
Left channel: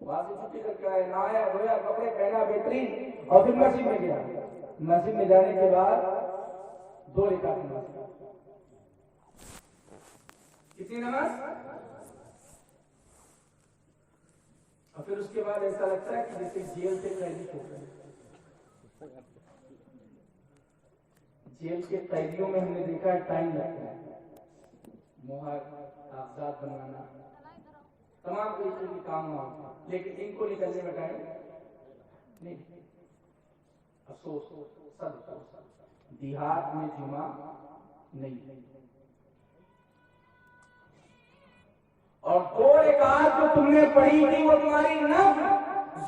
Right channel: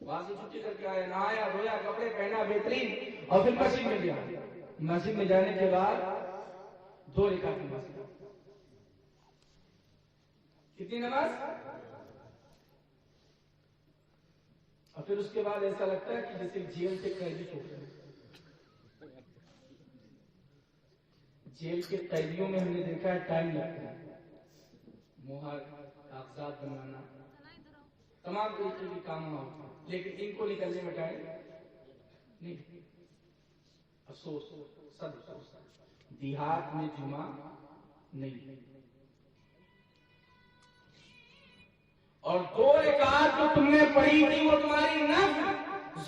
وہاں سے چھٹی کر کے آئے، نہایا، دھویا، کپڑے پہنا بہترین، اور پھر مسجد میں گیا. مسجد میں جانے کے بعد 2 رکعت نماز. کتنی نماز؟ اور پھر اس کے بعد ایسا لگتا ہے کہ جیسے جیل سے قیدی چھوٹ گئے. جیل کے قیدیوں میں ہم نے دیکھا ہے ٹائم لگتا ہے، مہر، کاغذات بنوانا، تمام طریقے کے کام ہوتا ہے، لیکن ان کو نکلنے میں ٹائم نہیں. افسوس، سب افسوس، دیہات میں جمعہ نہیں. اور 2 رکعت جو تم نے پڑھی تھی وہ تمہاری نفل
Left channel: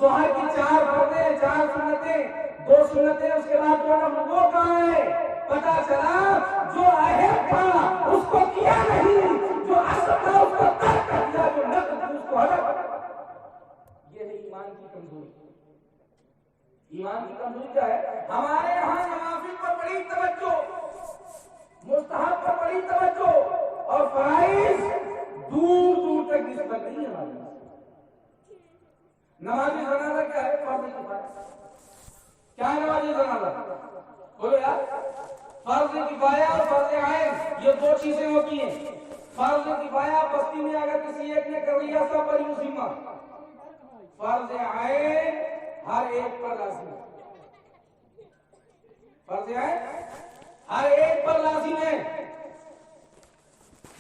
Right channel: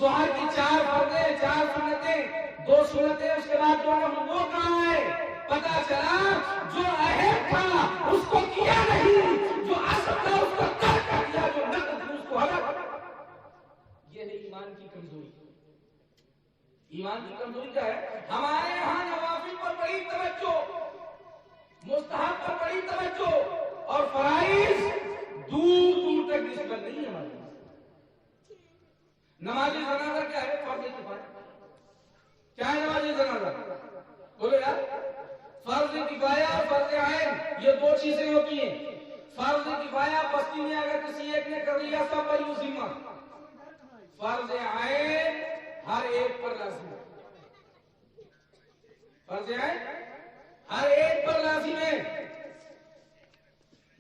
ظہر کی 4 فرضیں 4 سنتیں 2 سنتیں اس کے بعد 2 نفل وہ کہاں ہے؟ پتا چلا جو اہم تھا اس کو کیا نہیں، جو اصل تھا اس کو ترک کر دیا، جو نفل تھی اس کو ہلاک۔ یہ ہے ایمان کی کمزوری۔ ایمان کی کمزوری کیا ہے؟ ہمارے یہاں نوافل پر بڑی توجہ، مستحب پر بڑی توجہ، اور فرائض دور دور تک نسبت نہیں ہے۔ نماز جنازہ کیا ہے؟ فرض کفایہ۔ کیا ہے نماز جنازہ؟ بولو یار، فرض کفایہ اور فرض عین یہ 2 چیزیں ہوتی ہیں۔ فرض کفایہ بستی میں اگر کسی ایک نے کر لیا سب پر یہ ذمہ، فرض عین ہر ایک پر لازم ہے۔ فرض عین ہر ایک پر لازم ہے۔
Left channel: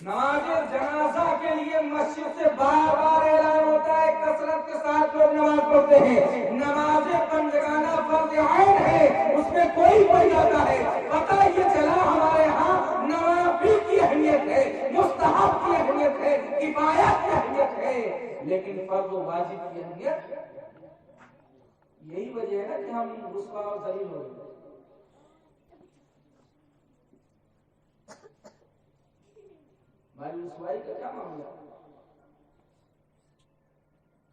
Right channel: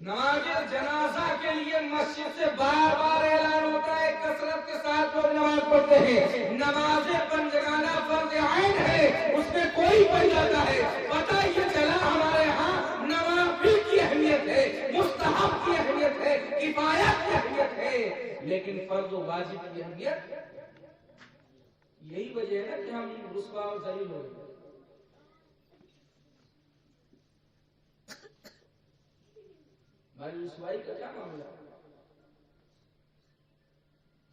نماز جنازہ کے لیے مسجد سے بار بار اعلان ہوتا ہے، کثرت کے ساتھ لوگ نماز پڑھتے ہیں۔ نماز بندگانہ فرض عین ہے، اس میں کوئی پڑھ جاتا ہے۔ پتہ یہ چلا ہمارے ہاں نوافل کی اہمیت ہے، مستحب کی اہمیت ہے، کفایت کی اہمیت ہے، لیکن فرض و واجب کی اہمیت یہی وجہ ہے نا کہ ہم رسوا اور ذلیل ہو گئے۔ ہماری رسوائی کا کیا معاملہ؟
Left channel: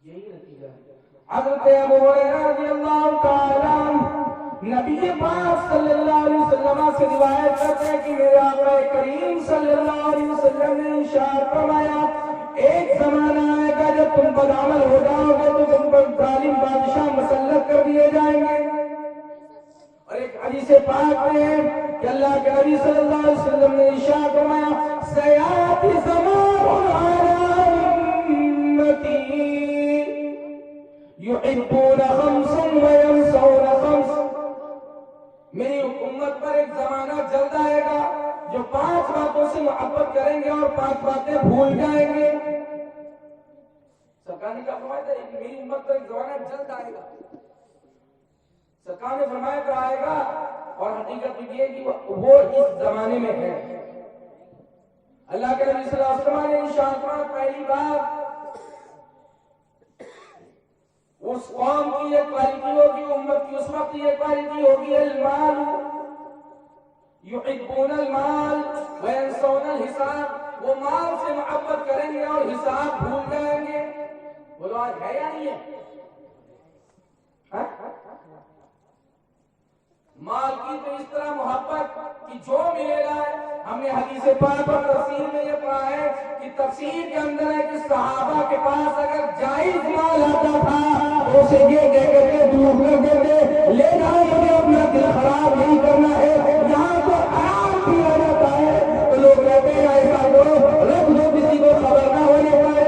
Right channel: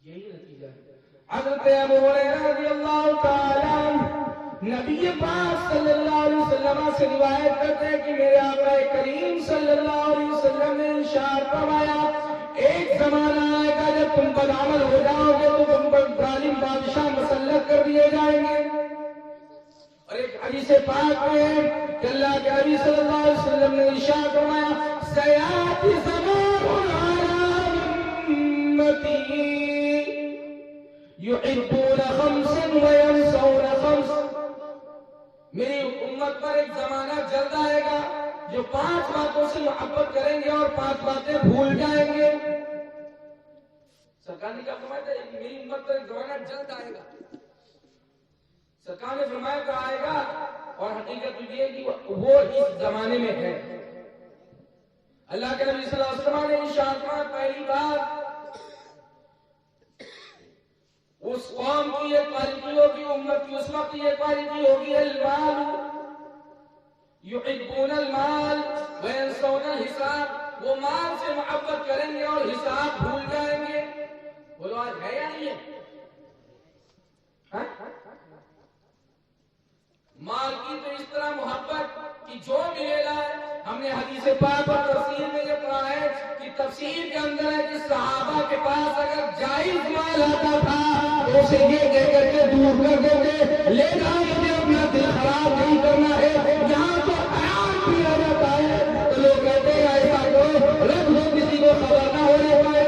یہی نتیجہ ہے۔ حضرت ابو ہریرہ رضی اللہ تعالی عنہ نبی پاک صلی اللہ علیہ وسلم سے روایت کرتے ہیں کہ میرے آقا کریم صلی اللہ علیہ وسلم نے ارشاد فرمایا، ایک زمانہ آئے گا جب تم بدعمل ہو جاؤ گے تو تم پر ظالم بادشاہ مسلط کر دیے جائیں گے۔ اور ایک حدیث پاک میں ہے کہ اللہ کے نبی صلی اللہ علیہ وسلم نے ارشاد فرمایا، سیاتی زمان علی امتی یحبون خمسا وینسون خمس، میری امت پر ایک زمانہ جلد آئے گا جو 5 باتوں سے محبت کریں گے اور 5 باتیں بھول جائیں گے۔ سرکار نے کیا فرمایا تھا کہ میری امت پر ایک زمانہ جلد آئے گا، سرکار نے فرمایا کہ آئے گا، اور حقیقت یہ ہے کہ وہ اس زمانے میں ہے۔ اللہ کے نبی صلی اللہ علیہ وسلم نے ارشاد فرمایا، پہلی بار اس قوم کی یہ کوالٹی ہوگی، امت کی اس وقت یہ کوالٹی ہوگی، المال یحبون المال وینسون الحساب، وہ مال سے محبت کریں گے اور حساب بھول جائیں گے۔ بولو آج ہے یا نہیں ہے؟ مال کی تو اس طرح محبت کہ جو ملے گا، ہم نے حدیث پاک اور تفسیر میں یہ کہا ہے کہ تفسیر کے اندر ہے کہ صحابہ کے پاس اگر جائز مال آتا تھا تو اسے یہ کہہ کر کے دور کر دیتے، لے جاؤ، مجھے اپنا دل خراب نہیں کرنا ہے۔ یہاں تو حرام بھی ہو جاتا ہے تو لوگ کہتے ہیں ایسا کرو، رکھ دو، کسی کو خبر نہ ہونے پائے۔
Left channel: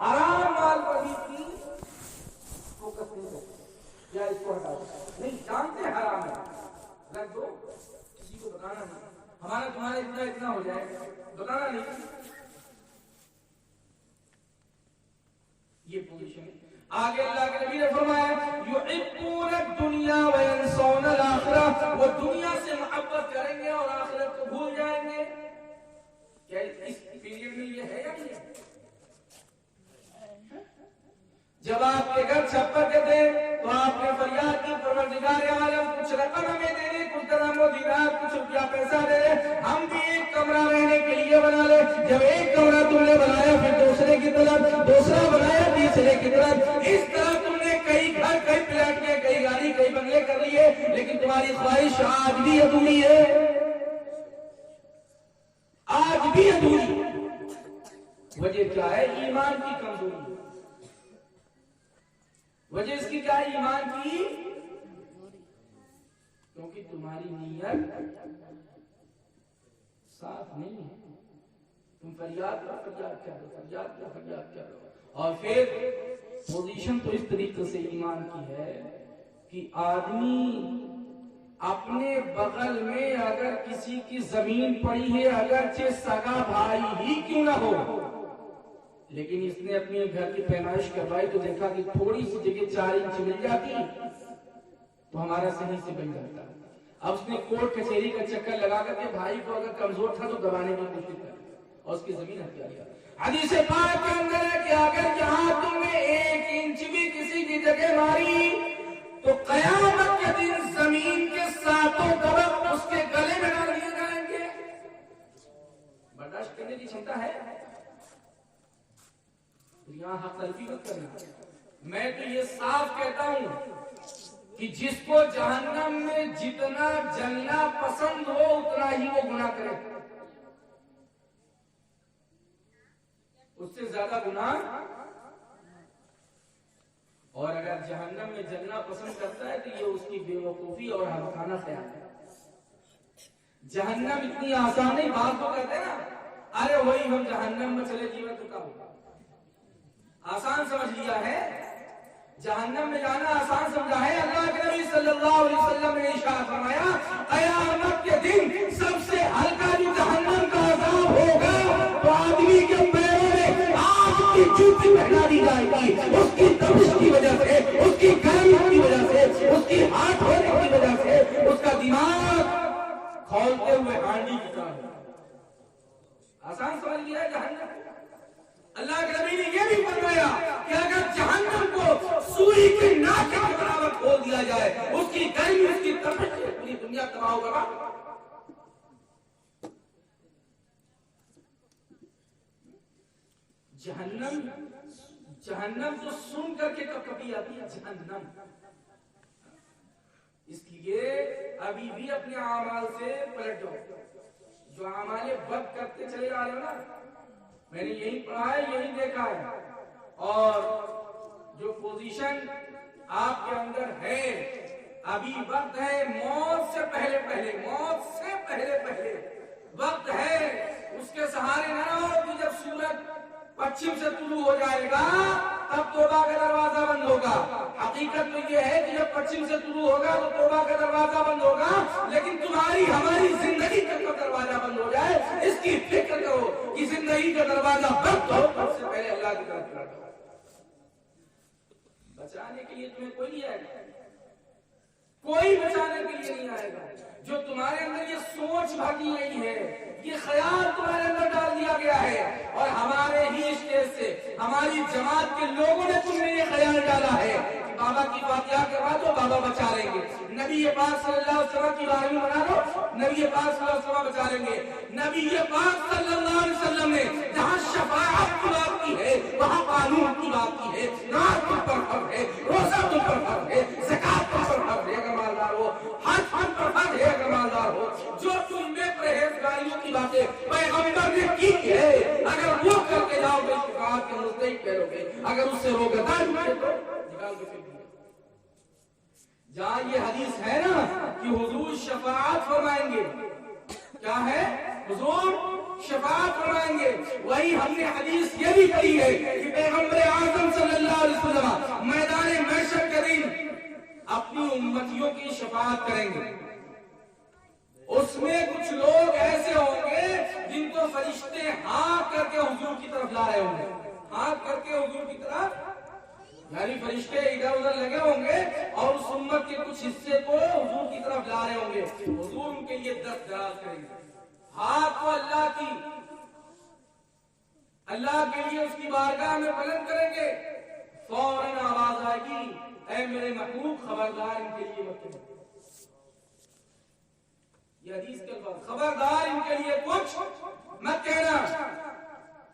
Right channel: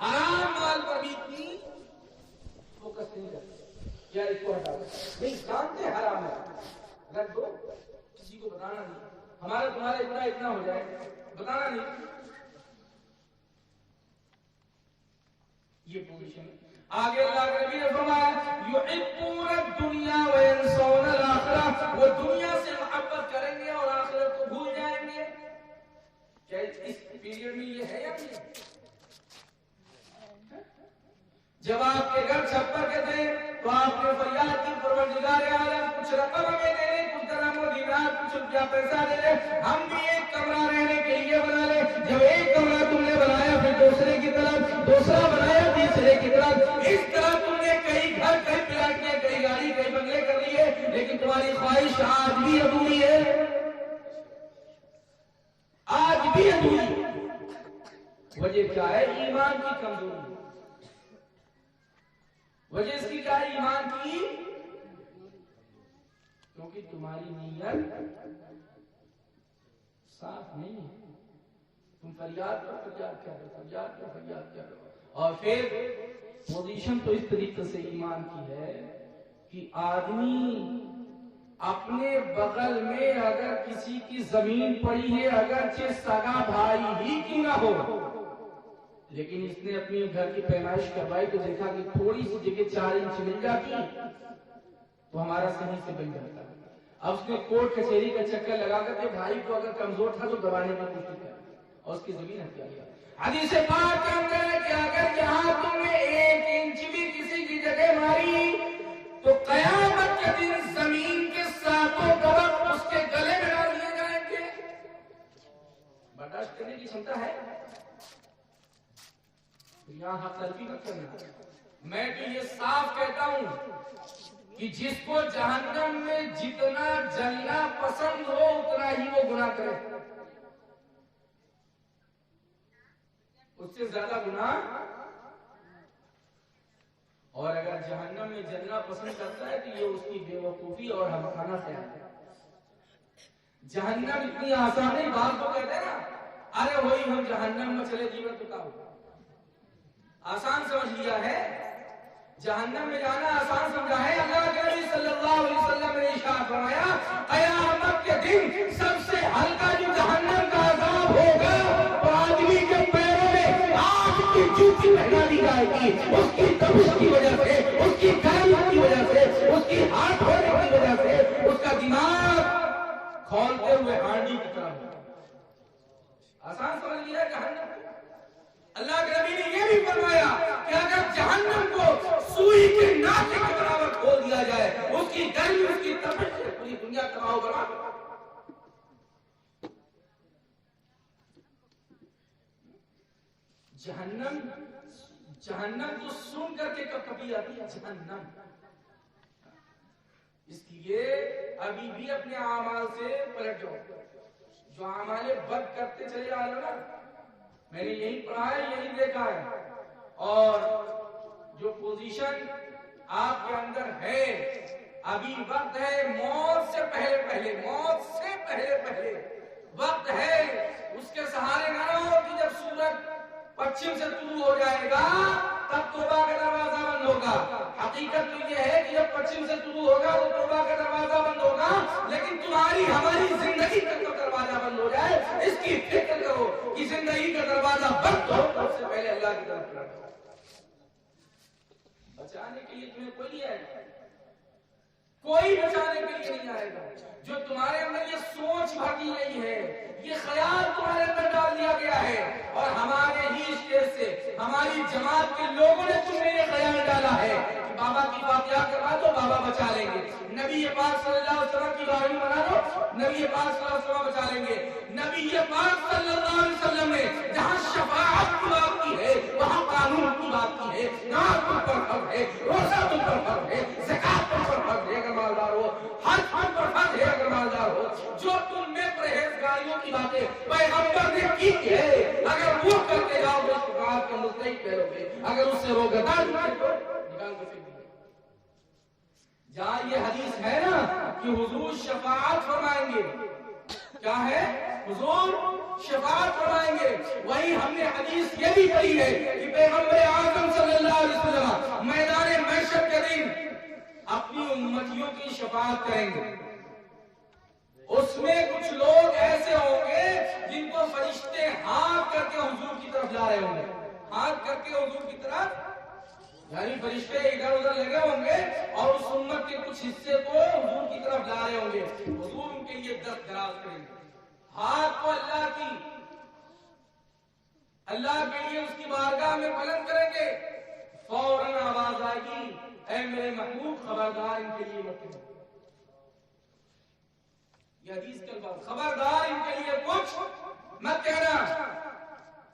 حرام مال پر بھی اتنی فوکس نہیں کرتے، یا اس کو ہٹاؤ، نہیں جانتے حرام ہے، رکھ دو، کسی کو بتانا نہیں، ہمارا تمہارا اتنا اتنا ہو جائے، بتانا نہیں۔ یہ پوزیشن آگے اللہ کے نبی نے فرمایا، یحبون الدنیا وینسون الآخرہ، وہ دنیا سے محبت کریں گے اور آخرت کو بھول جائیں گے۔ کیا اس پیریڈ میں یہ ہے یا نہیں؟ جب آپ کے گھر چھپر کے تھے تو آپ نے فریاد کی، پروردگار عالم کچھ رقم ہمیں دے دے، کچھ درہم و دینار، کچھ روپیہ پیسہ دے دے، ہم بھی ایک کمرہ رہنے کے لیے بنا لے۔ جب ایک کمرہ تم نے بنایا، پھر دوسرے کی طرف، دوسرا بنایا تیسرے کی طرف، اس طرح تم نے کئی گھر، کئی پلاٹ میں، کئی گاڑی، کئی بنگلے کر لیے، لیکن تمہاری خواہش آج بھی ادھوری ہے، آج بھی ادھوری۔ وجہ کیا ہے؟ ایمان کی کمزوری۔ وجہ اس کی کیا ہے؟ ایمان کی، کیونکہ تمہاری نیت صاف نہیں ہے۔ تم فریاد پر فریاد کیا کرو، فریاد پر فریاد کیا کرو، اور پھر پوزیشن تو اس طریقے سے ایمان کی ہے کہ آدمی اپنے بغل میں اگر کسی کی زمین پڑی ہے، اگرچہ سگا بھائی ہی کیوں نہ ہو، لیکن اس نے اپنے گھر کی پیمائش کروائی تو دیکھا کہ تھوڑی سی جگہ 4 انچ مل جاتی تو ہمارا صحیح سے بن جاتا ہے۔ اب اس نے کورٹ کچہری کا چکر لگا کر کے بھائی کو اگر کمزور تھا تو دبانے کی کوشش کر، اور اس کی زمین ہتھیار کیا. حدیث پاک کے اندر ہے کہ اگر یہاں تم نے 1 انچ بھی کسی کی جگہ ماری تو قیامت کے دن زمین کے 7 درخت اس کے گلے میں ڈال دیے جائیں گے. برداشت کرنے کی چھمتا ہے؟ یہاں حق تلفی مت کرنا. میں تو یہ صاف کہتا ہوں کہ جس کو جہنم میں جتنا جلنا پسند ہو اتنا ہی وہ گناہ کرے. اس سے زیادہ گناہ. اور اگر جہنم میں جلنا پسند کرتا ہے تو یہ اس کی بے وقوفی اور حمقانہ خیال ہے. جہنم اتنی آسان نہیں. بات کو کہتے ہیں نا ارے وہی ہم جہنم میں چلے جیون چکا ہو. آسان سمجھ لیا ہے. جہنم میں جانا آسان سمجھا ہے. اللہ کے نبی صلی اللہ علیہ وسلم نے ارشاد فرمایا قیامت کے دن سب سے ہلکا جو جہنم کا عذاب ہوگا تو آدمی کے پیروں میں آگ کی جوتی پہنا دی جائے گی. اس کی تپش کی وجہ سے, اس کی گرمی کی وجہ سے, اس کی ہاتھ ہونے کی وجہ سے اس کا دماغ کھولتے ہوئے ہانڈی کی طرح ہوگا. آسان سمجھ لیا ہے جہنم. اللہ کے نبی نے یہ بھی فرمایا کہ اگر جہنم کو سوئی کے ناکے کے برابر کھول دیا جائے اس کی گرمی, اس کی تپش سے پوری دنیا تباہ ہوگا. جہنم تو سن کر کے کبھی آتی ہے جہنم. اس لیے ابھی بھی اپنے اعمال سے پلٹ جاؤ. جو اعمال بد کرتے چلے آ رہے ہو نا, میں نے یہی پڑھا ہے, یہی دیکھا ہے. اور جو پوزیشن آپ کے اندر ہے ابھی وقت ہے موت سے پہلے پہلے وقت ہے. اس کے سہارے نہ رہو کہ جب سورج پچھم سے طلوع ہو جائے گا تب توبہ کا دروازہ بند ہوگا. حقیقت تو یہ ہے کہ جب پچھم سے طلوع ہوگا تو توبہ کا دروازہ بند ہوگا. لیکن تمہاری ہماری زندگی کا دروازہ بند ہو جائے اس کی فکر کرو کہ زندگی کا دروازہ بند ہو سب سے پہلے اللہ کی طرف پلٹو. بچانے کے لیے تمہیں کوئی نہیں آئے گا, کوئی بچانے کے لیے نہیں آئے گا. جو تمہارے اندر یہ سوچ بھاگی گئی ہے, یہ خیال تمہارے اندر ڈال دیا گیا ہے, اور ہمارے ہی اسٹیج سے ہماری جماعت کے لوگوں نے تم میں یہ خیال ڈالا ہے کہ بابا کی فاتحہ کروا دو بابا بچا لیں گے, نبی پاک صلی اللہ علیہ وسلم کی دعائیں بنا دو نبی پاک صلی اللہ علیہ وسلم بچا لیں گے. نبی پاک صلی اللہ علیہ وسلم نے جہاں شفاعت کی بات کی ہے وہاں قانون کی بات کی ہے. نماز تم پر فرض ہے, روزہ تم پر فرض ہے, زکات تم پر فرض ہے اگر مالدار ہو, حج تم پر فرض ہے اگر مالدار ہو. جو تم نے پرہیزگاریوں کی باتیں پیغمبر نے کی ہے اگر وہ کرتے جاؤ گے شفاعت کا مستحق ٹھہرو گے. اگر اس سے روگے تو نکال کے پھینک دو. جہاں یہ حدیث ہے نا کہ حضور شفاعت فرمائیں گے, کیا ہے حضور شفاعت فرمائیں گے, وہی ہم نے حدیث یہ بھی پڑھی ہے کہ پیغمبر اعظم صلی اللہ علیہ وسلم میدان محشر کے دن اپنی امتیوں کی شفاعت کریں گے. اس میں کچھ لوگ ایسے ہوں گے جن کو فرشتے ہاتھ کر کے حضور کی طرف لا رہے ہوں گے, ہاتھ کر کے حضور کی طرف, یعنی فرشتے ادھر ادھر لگے ہوں گے اور اس امت کے کچھ حصے کو حضور کی طرف لا رہے ہوں گے. حضور ان کے لیے دست دراز کریں گے, ہاتھ کو اللہ کے لیے اس کی بارگاہ میں بلند کریں گے. فوراً آواز آئے گی اے میرے محبوب خبردار ان کے لیے مت کرو. یہ حدیث کے الفاظ, خبردار ان کے لیے کچھ مت کہنا.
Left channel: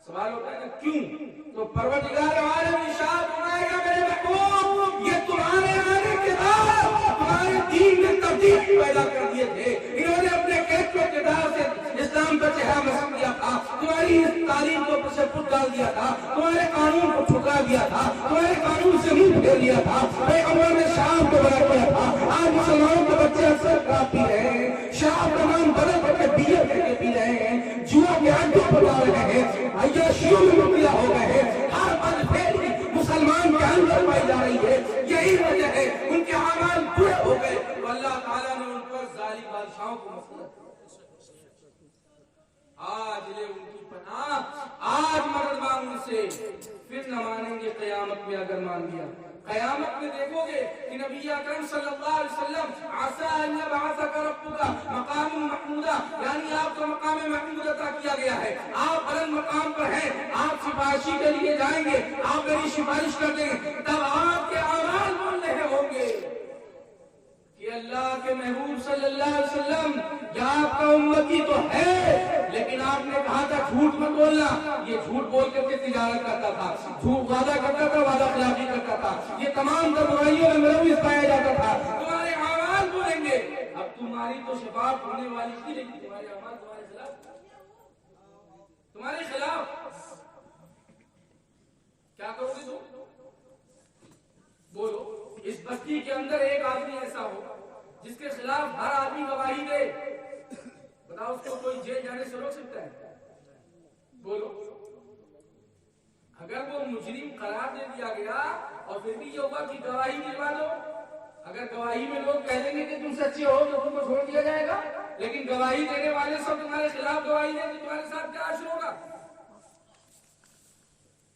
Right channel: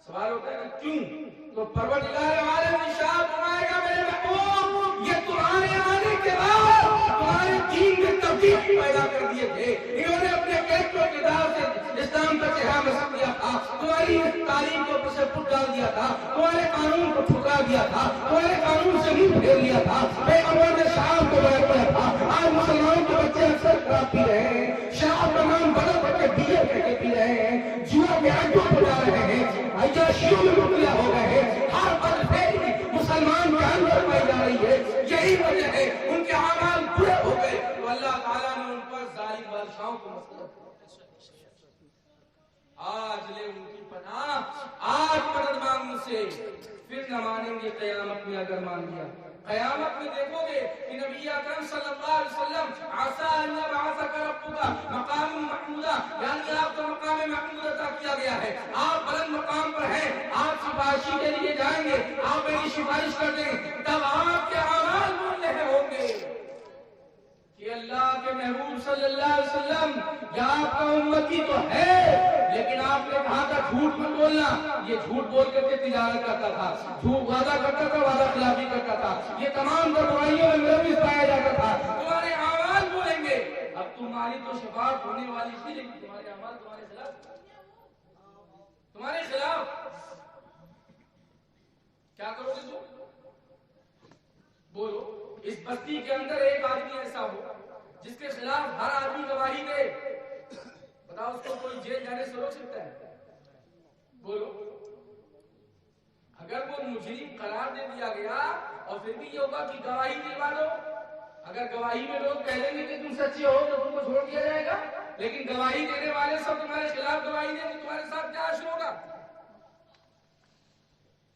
سوال ہوتا ہے کہ کیوں؟ تو پروردگار عالم ارشاد فرمائے گا میرے محبوب یہ تمہارے آنے کے بعد تمہارے دین میں تبدیلی پیدا کر دیے تھے. انہوں نے اپنے کیسوں کے دار سے اسلام کا چہرہ مسخ کیا تھا, تمہاری تعلیم کے اوپر سے پھٹ ڈال دیا تھا, تمہارے قانون کو ٹھکرا دیا تھا, تمہارے قانون سے منہ پھیر لیا تھا. پیغمبر نے شراب کو بیان کیا تھا. آج مسلمانوں کے بچے اکثر شراب پی رہے ہیں, شراب کا نام بدل کر کے بیئر کر کے پی رہے ہیں, جوا کے اڈوں پر جا رہے ہیں, عیاشیوں میں مبتلا ہو گئے ہیں. ہر بد فعلی مسلمان کے اندر پائی جا رہی ہے. یہی وجہ ہے ان کے اعمال برے ہو گئے تو اللہ تعالیٰ نے ان پر ظالم بادشاہوں کو مسلط. آج لے ان کی پناہ, آج مدد مانگ ان سے, پھر نہ مانیں گے قیامت میں اگر مان لیا. قیامت میں دیکھو گے کہ نبی اکرم صلی اللہ علیہ وسلم عسى ان يبعثك ربك مقام محمودا، یعنی آپ کو مقام محمود عطا کیا گیا ہے، آپ بلند مقام پر ہیں، آپ سفارشی کے لیے جائیں گے، آپ میری سفارش کر دیں گے، تب آپ کے اعمال بولنے ہوں گے کہ اللہ کے محبوب صلی اللہ علیہ وسلم یہ آپ کا امتی تو ہے، لیکن آپ نے کہا تھا جھوٹ مت بولنا، یہ جھوٹ بول کر کے تجارت کرتا تھا، جھوٹ وعدہ کرتا تھا، وعدہ خلافی کرتا تھا، یہ تمام تر برائیوں میں ملوث پایا جاتا تھا، تمہارے اعمال بولیں گے۔ اب تمہاری تو شفاعت ہونے والی تھی، لیکن تمہارے اعمال تمہارے خلاف کیا کرو گے؟ تو بولو، اس بستی کے اندر ایک آدمی ایسا ہو جس کے خلاف ہر آدمی گواہی دے، بتاؤ اس کو کوئی جیل جانے سے روک سکتا ہے؟ بولو، اگر وہ مجرم قرار دے دیا گیا اور پھر بھی یہ ہوگا کہ گواہی دلوا دو، اگر گواہی میں لوگ کہہ دیں گے کہ تم سچے ہو تو تم کو چھوڑ دیا جائے گا، لیکن گواہی دینے والے سب تمہارے خلاف گواہی دیں تو تمہارے ساتھ کیا حشر ہوگا؟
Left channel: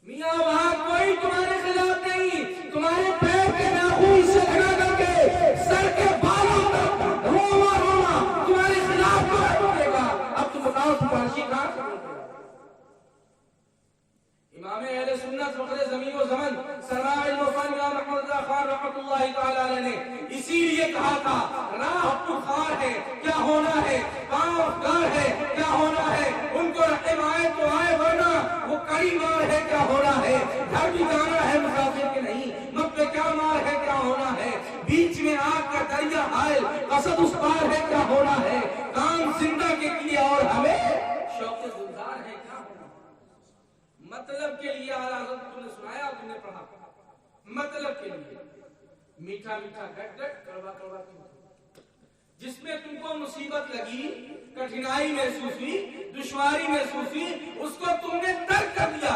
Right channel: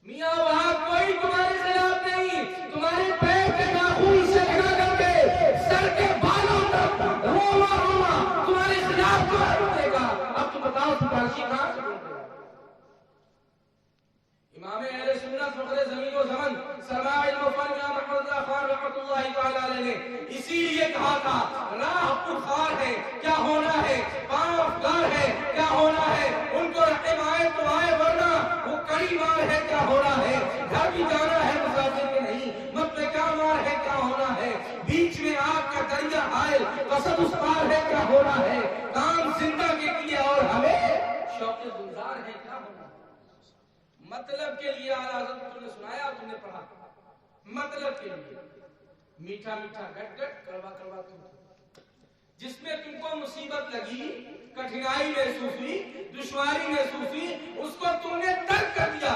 میاں وہاں کوئی تمہارے خلاف نہیں، تمہارے پیر کے ناخن سے لگا کر کے سر کے بالوں تک روما روما تمہارے خلاف بولے گا۔ اب تم بتاؤ سفارشی کہاں سے بولتے ہیں؟ امام اہل سنت فخر زمین و زمن سرمایہ علم و فن امام احمد رضا خان رحمۃ اللہ تعالی علیہ نے اسی لیے کہا تھا راہ پرخار ہے کیا ہونا ہے، پاؤں افگار ہے کیا ہونا ہے، ان کو رحم آئے تو آئے ورنہ وہ کڑی مار ہے کیا ہونا ہے، گھر بھی جانا ہے مسافر کے نہیں، مت کیا مار ہے کیا ہونا ہے، بیچ میں آگ کا دریا حائل قصد اس پار ہے کیا ہونا ہے، کام زندہ کے لیے اور ہمیں شوق گلزار ہے کیا ہونا ہے۔ مطلب کے لیے اعلیٰ حضرت تم نے سنایا، تم نے پڑھا، مطلب کے لیے میٹھا میٹھا گھٹ گھٹ کڑوا کڑوا جس میں تم کو مصیبت لگی، کٹھنائی محسوس ہوئی، دشواری محسوس ہوئی، اس کو تم نے ترک کر دیا۔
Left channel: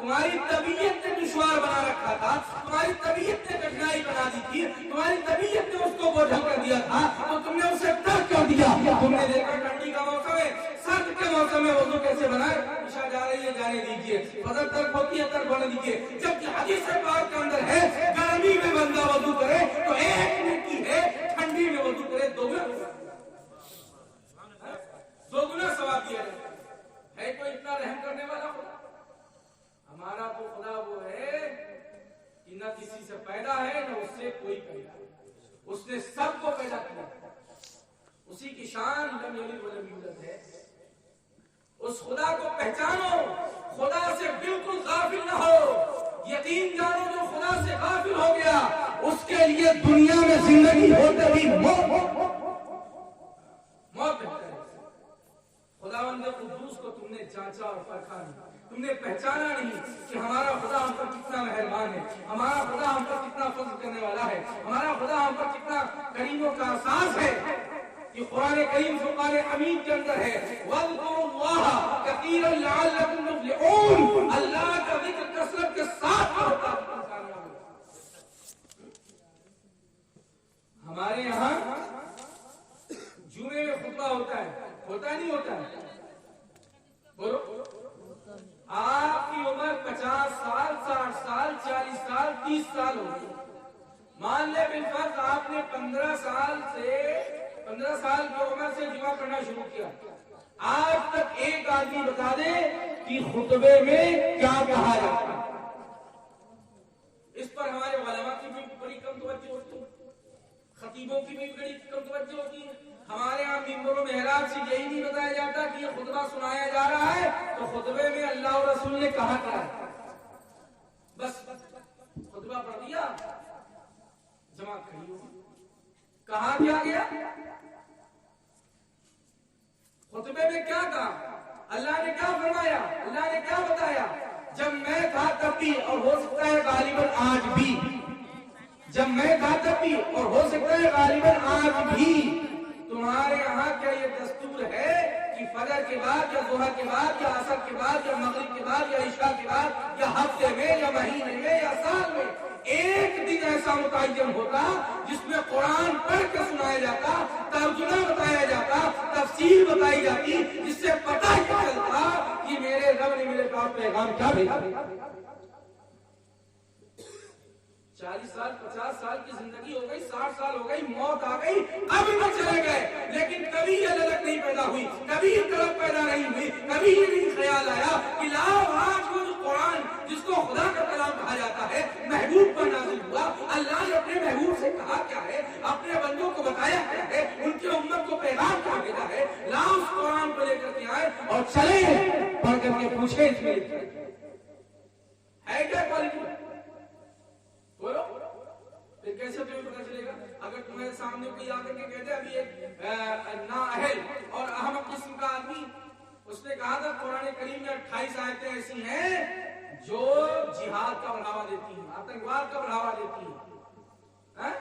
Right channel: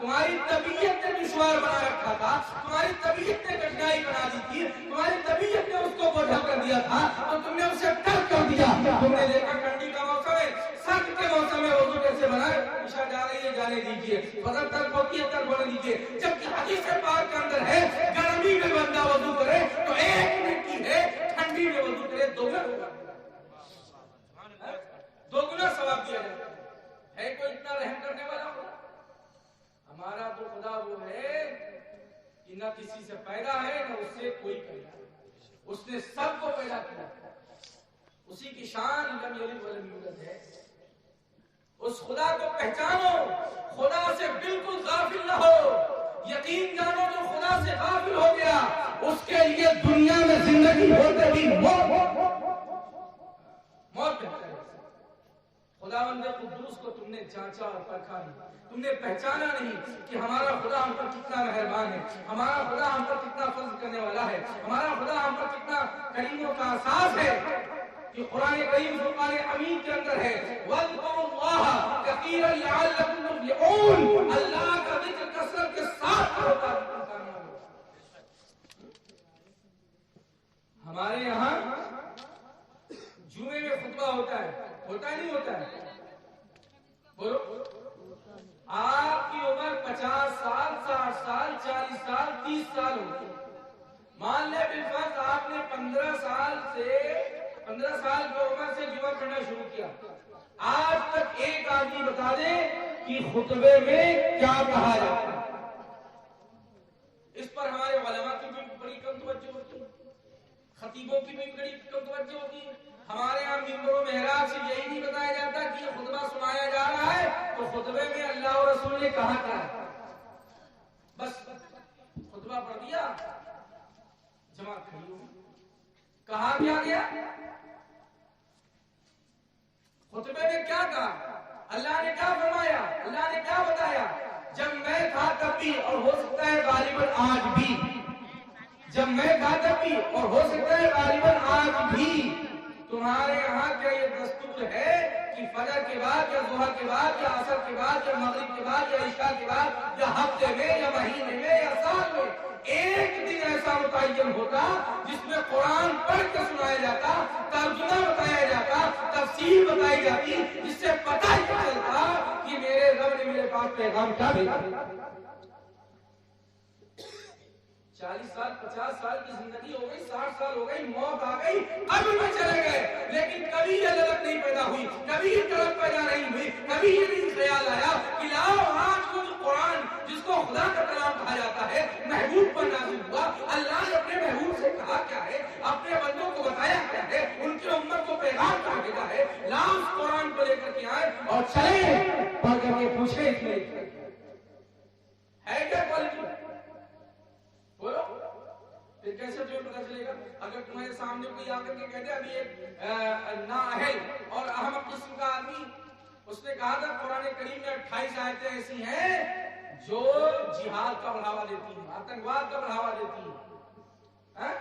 تمہاری طبیعت نے دشوار بنا رکھا تھا، تمہاری طبیعت نے کٹھنائی بنا دی تھی، تمہاری طبیعت نے اس کو بوجھل کر دیا تھا، تو تم نے اسے ترک کر دیا۔ تم نے دیکھا ٹھنڈی کا موسم ہے، سرد کے موسم میں وضو کیسے بنائے، عشاء جا رہی ہے جانے دیجیے، فجر ترک ہوتی ہے ترک ہونے دیجیے، جبکہ حدیث پاک کے اندر ہے گرمی میں بندہ وضو کرے تو ایک منٹ کی ہے، ٹھنڈی میں وضو کرے دو گنا ثواب دیا جاتا ہے۔ کوئی اتنا رحم کرنے والا خدا؟ ہمارا تو خدا وہ ہے کہ نہ کسی سے پیدا ہے نہ اس سے کوئی پیدا ہے، اس نے سب کو پیدا کیا، اسی کی شان لم یلد ولم یولد ہے۔ اس خدا کو پہچانو، خدا سے بالکل غافل نہ ہو، یقین جانو جو خدا سے غافل ہو گیا اس کے لیے دنیا میں زندگی ہوتے بھی موت ہے۔ خداوند قدوس کو تم نے جانچا اور پرکھا نہیں، تم نے پہچانا نہیں کہ ہمارا خدا ہم پر کتنا مہربان ہے، ہمارا خدا ہم پر کتنا فضل کرنے والا ہے، ہمارا خدا ہم پر کتنا کریموں کا احساس ہے۔ یہ قرآن کریم فرقان حمید کے اندر ہے، وَاذْكُرُوا اللَّهَ كَثِيرًا لَعَلَّكُمْ تُفْلِحُونَ، اللہ کا ذکر کثرت کے ساتھ کرو تاکہ تم کامیاب ہو۔ ہمارے یہاں جمعے میں خطبہ ہوتا ہے، ہوتا نہیں ہوتا ہے؟ بولو، آپ کی عمر 50 سال، 60 سال، 40 سال، 30 سال ہوتی، مان لے بالفرض آپ نے 15 سال کی عمر سے جمعہ پڑھنا شروع کیا، آج تک ایک آدمی بتا دے کہ خطبے میں کیا کہا جاتا ہے؟ اس پر ہمارے علماء کی بھی بڑی کم توجہ ہوتی ہے، خطیبوں کی بھی بڑی کم توجہ ہوتی ہے۔ ہمارے یہاں ممبر و محراب سے یہی نہیں بتایا جاتا کہ یہ خطبہ سنایا جا رہا ہے تو خطبے میں اللہ اور رسول نے کہا ہے، بس خطبہ پڑھ دیا، جماعت کھڑی ہو، کہا کیا گیا؟ خطبے میں کیا کہا؟ اللہ نے کیا فرمایا؟ اللہ نے کیا بتایا؟ جب میں تھا تب بھی اور ہو سکتا ہے غالباً آج بھی، جب میں تھا تب بھی اور ہو سکتا ہے غالباً آج بھی، تمہارے یہاں کیا یہ دستور ہے کہ فجر کے بعد یا ظہر کے بعد یا عصر کے بعد یا مغرب کے بعد یا عشاء کے بعد یا ہفتے میں یا مہینے میں یا سال میں ایک دن ایسا متعین ہوتا جس میں قرآن پڑھ کے سنایا جاتا، ترجمہ بتایا جاتا، تفسیر بتائی جاتی، جس سے پتہ ہی چلتا کہ میرے رب نے میرے پاس پیغام کیا بھیجا؟ 40 سال 50 سال کی زندگی ہو گئی، 60 سال ہو گئی، موت آ گئی، قبر میں چلے گئے، لیکن کبھی یہ للک نہیں پیدا ہوئی، کبھی یہ طلب پیدا نہیں ہوئی، کبھی یہ نہیں خیال آیا کہ لاؤ آج کو جو قرآن جس کو خدا کا کلام کہا جاتا ہے محبوب پر نازل ہوا، اللہ نے اپنے محبوب سے کہا کیا ہے، اپنے بندوں کو بتایا کیا ہے، ان کی امت کو پیغام کیا بھیجا ہے، لاؤ اس قرآن کو لے کر کے آئے اور چلیں پڑھ کر کے پوچھیں اس میں ہے کیا کوالٹی، بولو پھر کیسے تمہیں پتا چلے گا؟ اگر تمہارے سامنے کوئی آ کر کے کہتے ابھی ایک نااہل اور احمق قسم کا آدمی، اس نے کہا تھا قرآن کریم میں 28 آیتیں ایسی ہیں جو جہاد کا بڑھاوا دیتی ہیں، آتنکواد کا بڑھاوا دیتی ہیں،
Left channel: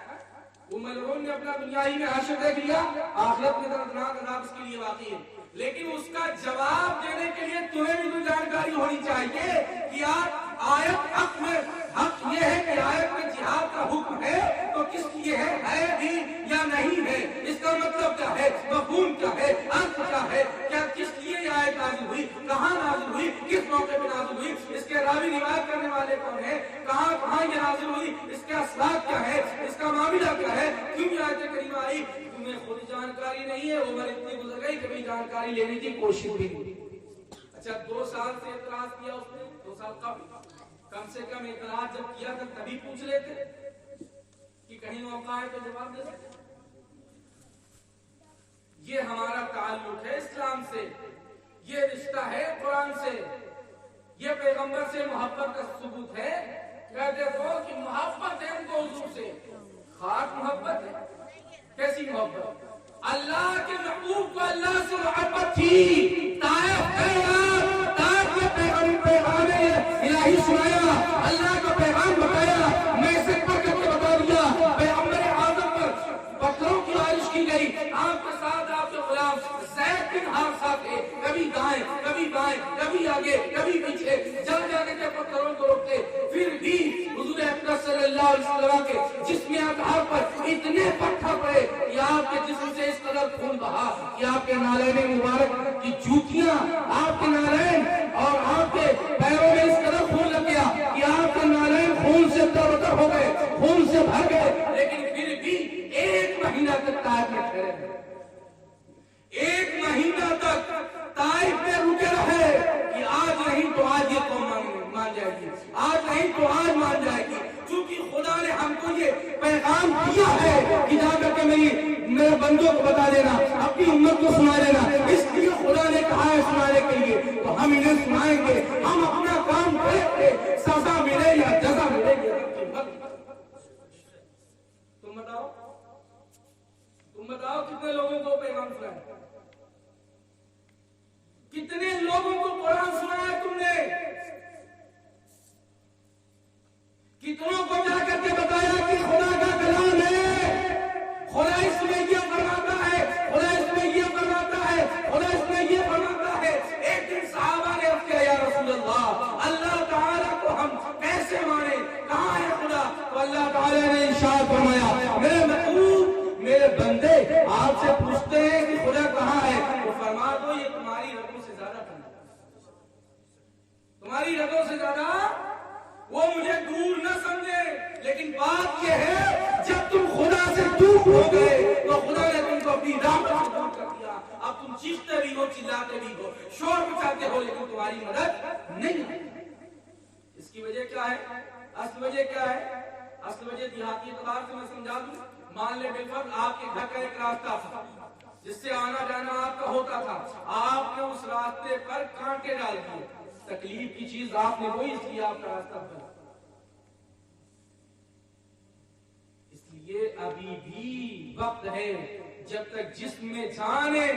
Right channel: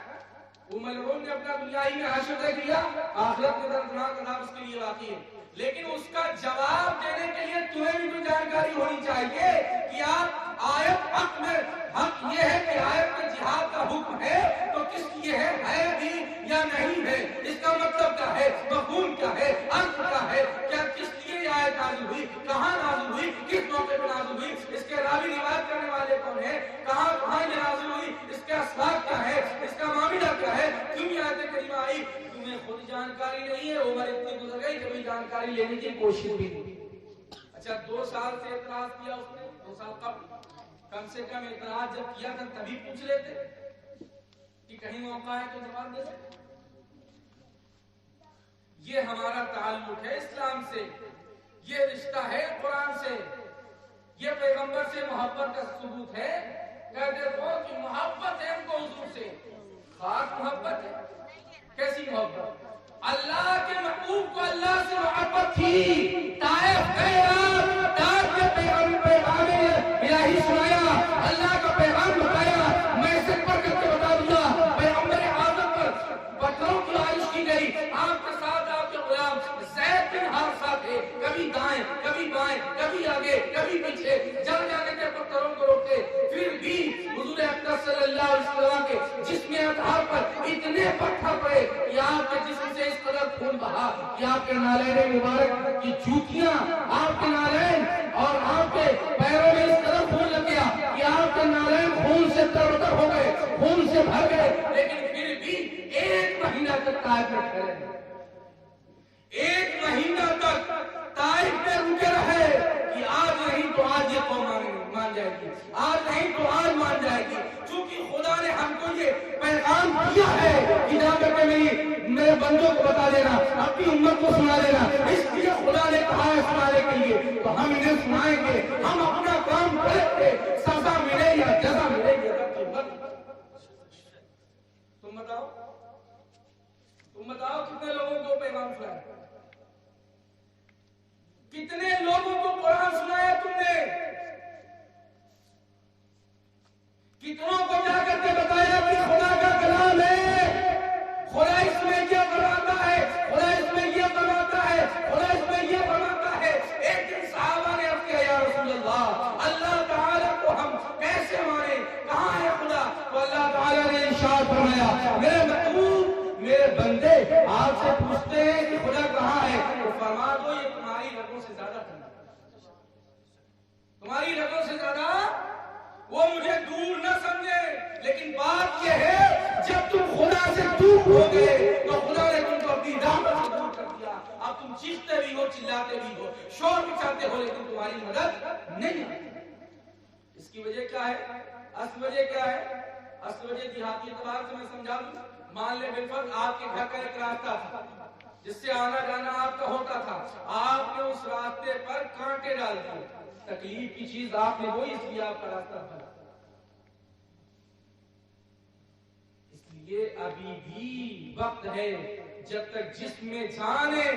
وہ ملعون نے اپنا دنیائی میں حشر دیکھ لیا، آخرت میں دردناک عذاب اس کے لیے واقعی ہے، لیکن اس کا جواب دینے کے لیے تمہیں بھی تو جانکاری ہونی چاہیے کہ آپ آیت حق میں حق یہ ہے کہ آیت میں جہاد کا حکم ہے تو کس لیے ہے بھی یا نہیں ہے، اس کا مطلب کیا ہے، مفہوم کیا ہے، ارتھ کیا ہے، کیا کس لیے یہ آیت نازل ہوئی، کہاں نازل ہوئی، کس موقع پہ نازل ہوئی، اس کے راوی روایت کرنے والے کون ہیں، کہاں یہ نازل ہوئی، اس کے اسباب کیا ہے، اس کا معاملہ کیا ہے، کیوں یہ آیت کریمہ آئی، تمہیں خود جانکاری نہیں ہے، عمر اتنی گزر گئی کبھی جانکاری لینے کی کوشش بھی نہیں۔ اچھا 2 سال سے اعتراض کیا اس نے، 2 سال قبل کم سے کم اعتراض جب کیا تھا تبھی پوچھ لیتے کہ کہیں موقع ہے تو جواب دے سکتے۔ یہ ہمارا تعلق ہے اسلام سے، یہ رشتہ ہے قرآن سے، یہ پیغمبر سے محبت کا ثبوت ہے۔ کہہ دیکھو کہ محبت ہے ان کو حضور سے، خاص محبت ہے، کیسی محبت؟ اللہ کے محبوب کو اللہ سے محبت تھی، طائف کے پیغام الہی سنایا، اللہ کا پیغام بتایا، میسج پر کر کے بتا دیا، پیغمبر اعظم پر بکروں کی عائش کی گئی، آپ کے ساتھ آپ کے غلام زید بن حارثہ تھے، کبھی دائیں کبھی بائیں کبھی آگے کبھی پیچھے، جل جانے کے پتھروں کو روکتے، پھر بھی حضور اقدس صلی اللہ علیہ وسلم کے جسم اطہار پر اتنے پتھر پڑے کہ آپ کے جسم سے اس قدر خون بہا کہ آپ کے نالین مبارک کی جوتیاں، آپ کے نالین اور آپ کے پیروں میں اس قدر خون لگ گیا کہ آپ کے نالین خون سے تر ہو گئے، خون سے بھر گئے، لیکن پھر بھی 1 مہینہ تک طائف میں ٹھہرے، 1 مہینہ تک طائف میں رکے رہے کہ آج نہیں تو آج یہ قوم مان جائے گی، آج نہیں تو آج مان جائے گی، کیونکہ خدا نے ہم کو یہ پیغام دیا ہے کہ جا کر کے میرے بندوں کو بتا دینا، اپنی امت کو سنا دینا، اس لیے خدا نے کہا ہے سنانے کے لیے، تو ہم انہیں سنائیں گے، ہم اپنا کام کریں گے، سزا ملے یا جزا ملے گی۔ تم بتاؤ کتنے لوگوں کو پیغام سنایا، کتنے لوگوں کو قرآن سنایا تم نے، کتنوں کو جا کر کے بتایا کہ خدا کا کلام ہے، خدا اس میں یہ فرماتا ہے، خدا اس میں یہ فرماتا ہے، خدا اس میں یہ فرماتا ہے۔ ایک دن صحابہ نے عرض کیا یا رسول اللہ، اللہ تعالیٰ کو ہم کیسے مانیں، کہاں ہے خدا؟ تو اللہ تعالیٰ نے ارشاد فرمایا میرے محبوب میرے بندے آپ سے پوچھتے ہیں کہ خدا کہاں ہے، تو فرما دو یہ تمہاری رگوں سے زیادہ ٹھنڈا، تمہاری رگوں سے زیادہ وہ مجھے دور نہ سمجھے، لیکن بات یہ ہے جب تم خدا سے دور ہو گئے تو خدا نے تم کو اپنی رحمت سے دور کر دیا، اب تم چیختے بھی ہو، چلاتے بھی ہو، شور مچاتے ہو، لیکن تمہاری مدد نہیں ہے۔ اس کی وجہ کیا ہے؟ اصل وجہ کیا ہے؟ اصل وجہ دیہاتی اعتبار سے میں سمجھا دوں، مان لے بالفرض آپ کے گھر کا ایک راستہ تھا جس سے آنا جانا آپ کا ہوتا تھا، آپ نے اس راستے پر کانٹے ڈال دیے، تکلیف کی چیز آپ نے وہی، اس لیے آپ کا راستہ بنا، اس لیے ابھی بھی وقت ہے جب تک جسم میں جان ہے،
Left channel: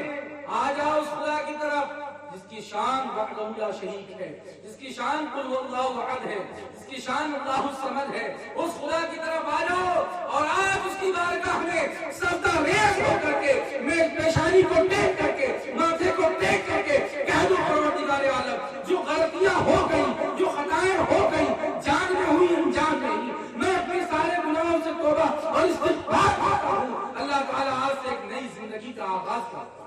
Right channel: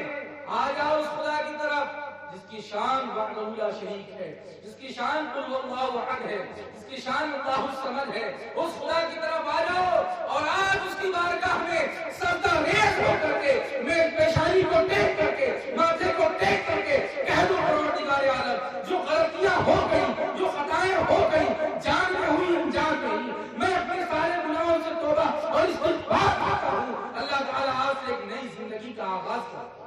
آ جاؤ اس خدا کی طرف جس کی شان وحدہ لا شریک ہے، جس کی شان قل هو اللہ احد ہے، جس کی شان اللہ الصمد ہے، اس خدا کی طرف آ جاؤ اور آج اس کی بارگاہ میں سجدہ ریز ہو کر کے، میں پیشانی کو ٹیک کر کے، ماتھے کو ٹیک کر کے کہہ دو پروردگار عالم جو غلطیاں ہو گئی، جو خطائیں ہو گئی، جان میں ہوئی انجان نہیں، میں اپنے سارے گناہوں سے توبہ اور استغفار کرتا ہوں، اللہ تعالیٰ آج سے ایک نئی زندگی کا آغاز کرتا ہے۔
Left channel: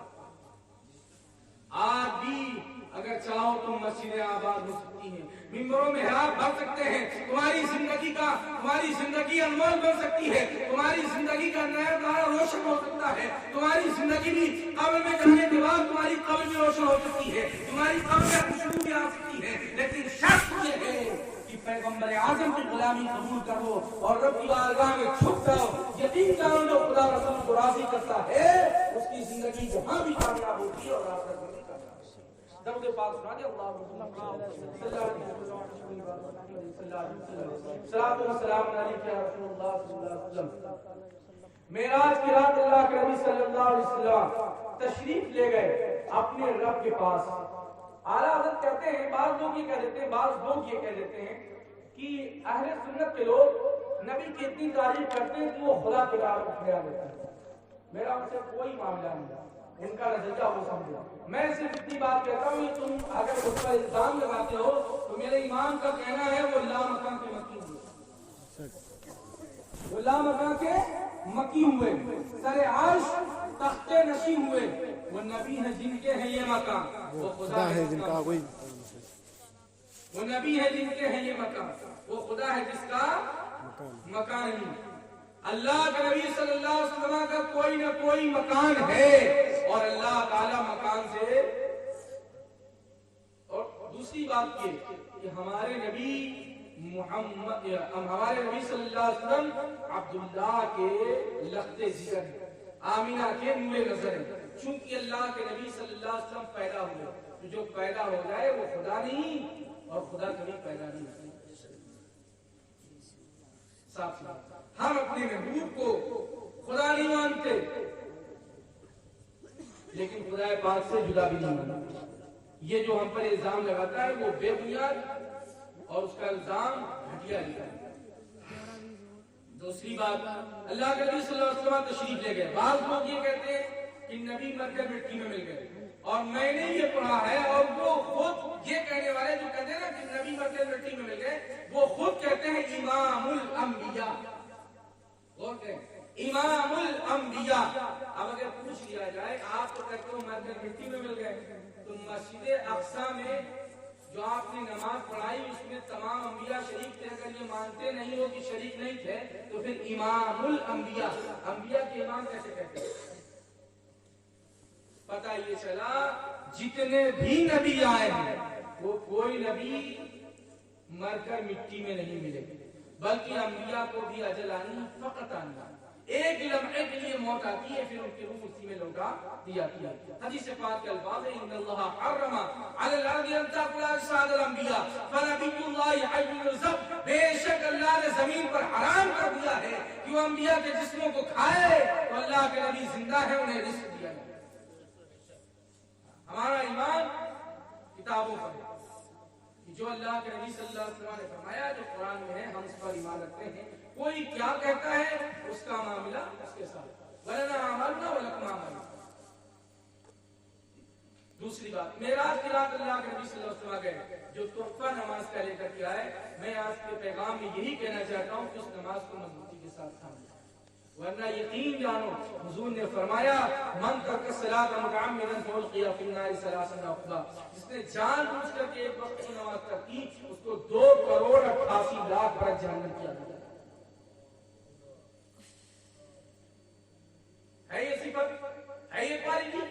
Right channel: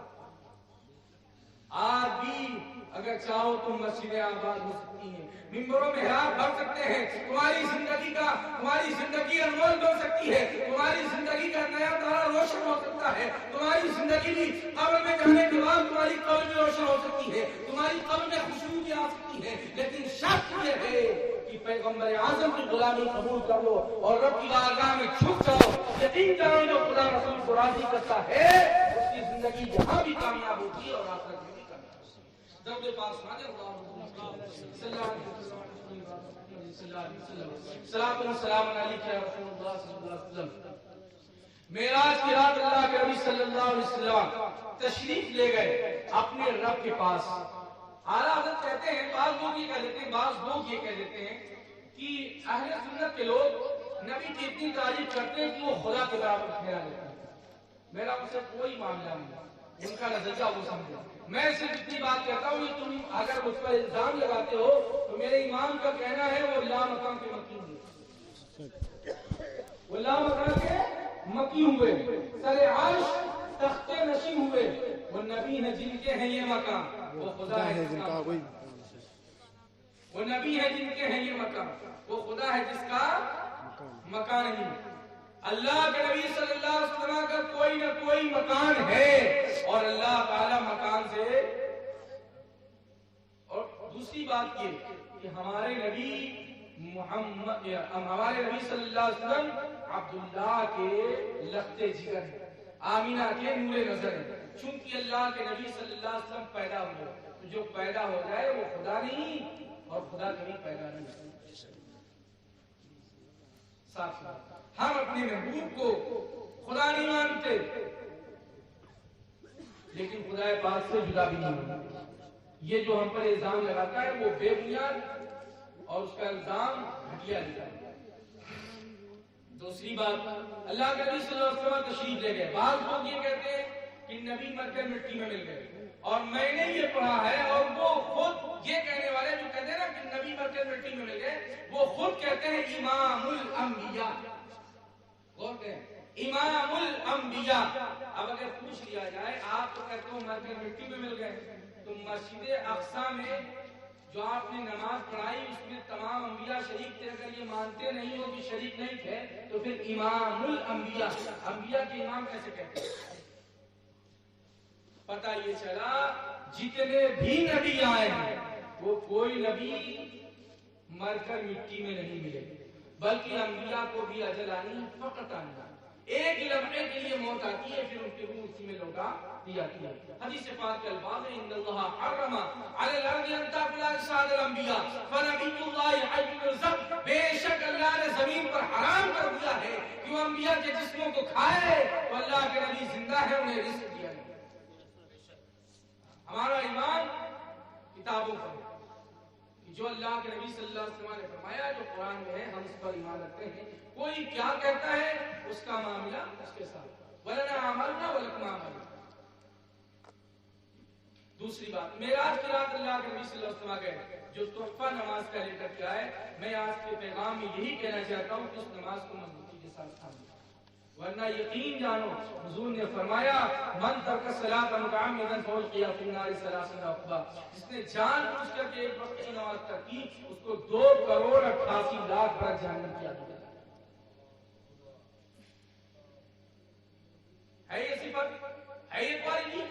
آج بھی اگر اگر چاہو تم مسجدیں آباد ہو سکتی ہیں، ممبروں میں محراب بھر سکتے ہیں، تمہاری زندگی انمول بن سکتی ہے، تمہاری زندگی کا نیا تارا روشن ہو سکتا ہے، تمہاری زندگی بھی قبر میں جانے کے بعد تمہاری قبر بھی روشن ہو سکتی ہے، تمہاری قبر میں خوشبو بھی آ سکتی ہے، لیکن شرط یہ ہے کہ پیغمبر اعظم کی غلامی قبول کر لو اور رب کی بارگاہ میں جھک جاؤ، یقین جانو جو خدا رسول کو راضی کرتا ہے اس کی زندگی جہاں بھی کامیاب ہوتی ہے اور آخرت میں بھی کامیاب ہوتی ہے۔ درود پاک سنائیں اللہ صلی اللہ علیہ وسلم، صلاۃ و سلام علیک یا رسول اللہ صلی اللہ علیہ وسلم۔ معراج کی رات اللہ کے نبی صلی اللہ علیہ وسلم تشریف لے گئے اپنے رب کے پاس۔ اعلیٰ حضرت کہتے ہیں، بعض لوگ یہ کہہ دیتے ہیں کہ اہل سنت کے لوگ نبی کی اتنی تعریف کرتے ہیں کہ وہ خدا کے برابر ٹھہرا لیتے ہیں۔ میرا ان سے کوئی معاملہ نہیں، ان کا نظریہ وہ سمجھا۔ میں صرف اتنی بات کہتا ہوں کہ تم اگر مجھ پر الزام لگاتے ہو تو میرے امام کا کہنا ہے وہ لا مکان کے مکی ہوئے، وہ لا مکان کے مکی ہوئے، سر عرش تخت نشین ہوئے، وہ نبی ہیں جن کے ہیں یہ مکان، وہ خدا ہے جن کا کوئی، وہ نبی ہے جن کے ہیں یہ مکان، وہ خدا ہے جس کا مکان نہیں۔ اللہ کے نبی صلی اللہ علیہ وسلم کا کوئی نہ کوئی مکان ہے اور اللہ تعالی مکان سے۔ اور دوسری بات یہ کہ ہمارے نبی صلی اللہ علیہ وسلم عبداللہ کے لخت جگر ہیں، آمینہ کے نور نظر ہیں۔ چونکہ اللہ کے نبی صلی اللہ علیہ وسلم پیدا ہوئے تو جو پیدا ہو جائے وہ خدا نہیں اور خدا کبھی پیدا نہیں ہوتا۔ ہم اپنے محبوب کو خدا نہیں مانتے لیکن خدا پاک سے جدا بھی نہیں مانتے۔ یہ جو ہم پر الزام لگاتا ہے وہ بے بنیاد اور اس کا الزام گھٹیا لکھا ہے۔ دوسری بات، اللہ کے نبی صلی اللہ علیہ وسلم تشریف لے گئے۔ بعض لوگ یہ کہتے ہیں کہ نبی مر کر مٹی میں مل گئے، اور میں نے یہ پڑھا ہے اور وہ خود یہ کہنے والے جو کہتے ہیں نا کہ نبی مر کر مٹی میں مل گئے، وہ خود کہتے ہیں امام الانبیاء، امام الانبیاء۔ اب اگر پوچھ لیا جائے آپ تو کہتے ہو مر کر مٹی میں مل گئے، تو مسجد اقصی میں جو آپ نے نماز پڑھائی اس میں تمام انبیاء شریک تھے، اگر یہ مانتے نہیں ہو کہ شریک نہیں تھے تو پھر امام الانبیاء، انبیاء کے امام کیسے کہتے ہیں؟ پتہ یہ چلا جتنے بھی نبی آئے ہیں وہ کوئی نبی مر کر مٹی میں نہیں ملے، بلکہ انبیاء کو بھی اجل آنی فقط آنا، ایک لمحے کے لیے موت آتی ہے پھر ان کی روح اسی میں لوٹا دی جاتی ہے۔ حدیث پاک کے الفاظ ہیں ان اللہ حرم علی الارض ان تاکل اجساد الانبیاء فنبی اللہ حی یرزق، بے شک اللہ نے زمین پر حرام کر دیا ہے کہ وہ انبیاء کے جسموں کو کھائے، تو اللہ کے نبی زندہ ہے انہیں رزق دیا ہے۔ ہمارا ایمان کتابوں پر ہے کہ جو اللہ کے نبی صلی اللہ علیہ وسلم نے فرمایا جو قرآن میں ہے ہم اس پر ایمان رکھتے ہیں۔ کوئی کیا کہتا ہے اس کا معاملہ اس کے ساتھ، وَلَنَا عَمَلْنَا وَلَكُمْ عَمَلْنَا۔ دوسری بات، معراج کی رات اللہ کے نبی صلی اللہ علیہ وسلم گئے جو تحفہ نماز کا لے کر کے آئے۔ میں آج کے پیغام میں یہی کہنا چاہتا ہوں کہ اس نماز کو مضبوطی کے ساتھ تھامیں، ورنہ یقین جانو حضور نے فرمایا من ترک الصلاۃ متعمدا فالقی فی النار 30 عقبہ، جس نے جان بوجھ کر کے ایک وقت کی نماز ترک کی اس کو 2,88,00,000 برس جہنم کیا جائے گا۔ ہے یہ صفت، ہے یہ پاری،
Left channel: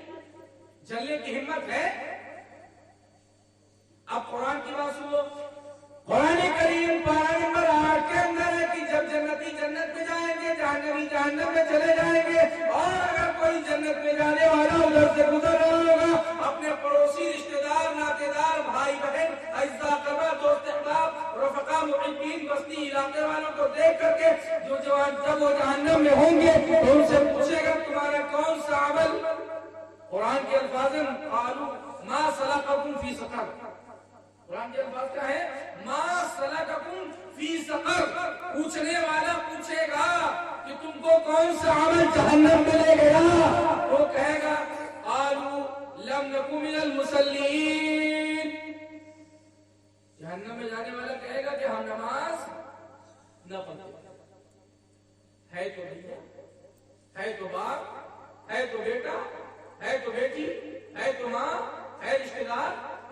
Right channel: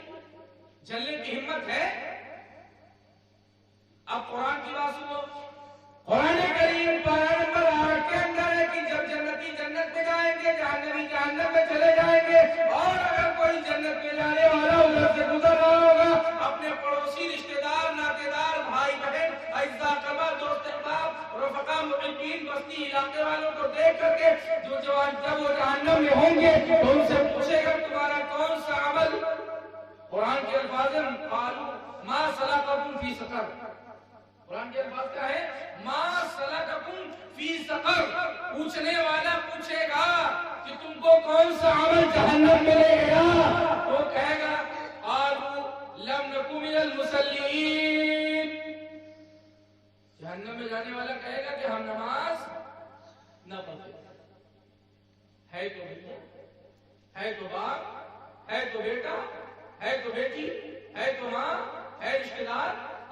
جلنے کی ہمت ہے؟ اب قرآن کی بات سنو، قرآن کریم پارہ نمبر 8 کے اندر ہے کہ جب جنتی جنت میں جائیں گے جہنمی جہنم میں چلے جائیں گے، اور اگر کوئی جنت میں جانے والا ادھر سے گزر رہا ہوگا اپنے پڑوسی رشتہ دار ناطے دار بھائی بہن اعزا قربا دوست احباب رفقا محبین بستی علاقے والوں کو دیکھ کر کے جو جوان جب وہ جہنم میں ہوں گے تو ان سے پوچھے گا تمہارا کون سا عمل؟ قرآن کے الفاظ ہیں قالوا ما سلککم فی سقر، قرآن کے الفاظ کیا ہے؟ ما سلککم فی سقر، پوچھنے والا پوچھے گا کہ تم کو کون سا عمل جہنم میں لے گیا؟ وہ کہے گا قالوا لم نک من المصلین، جہنم میں جانے والا کہے گا کہ ہم نماز نہ پڑھتے، ہے تو بھیا، ہے تو باپ، ہے تو بیٹا، ہے تو بیٹی، ہے تو ماں، ہے رشتہ دار،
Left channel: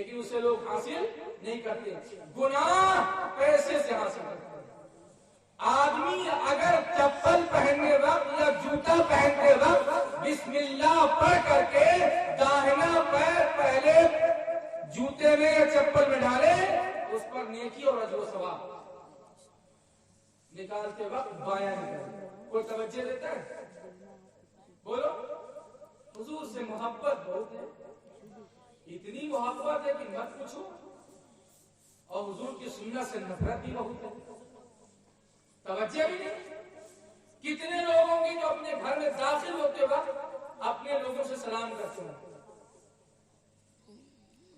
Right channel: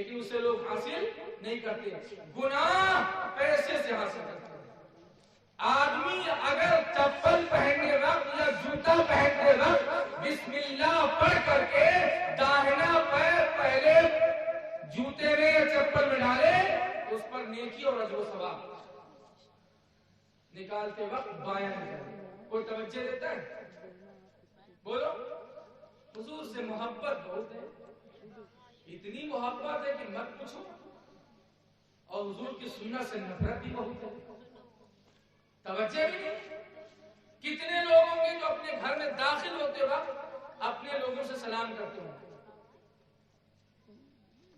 لیکن اسے لوگ حاصل نہیں کرتے. گناہ پیسے سے حاصل کرتے ہیں. آدمی اگر چپل پہننے وقت یا جوتا پہننے وقت بسم اللہ پڑھ کر کے داہنا پیر پہلے جوتے میں یا چپل میں ڈالے اس پر نیکی اور اجر و ثواب. نکالتے وقت بایاں نکالے. کوئی توجہ دیتا ہے؟ بولو. حضور سے محبت بہت ہے, اتنی محبت ہے کہ مت پوچھو. اور حضور کی سنت سے نفرت بھی بہت ہے, توجہ بھی نہیں. کتنے لوگ ہوں گے جو اپنے گھر میں داخل ہوتے وقت اپنے لوگوں سے سلام کرتے ہیں,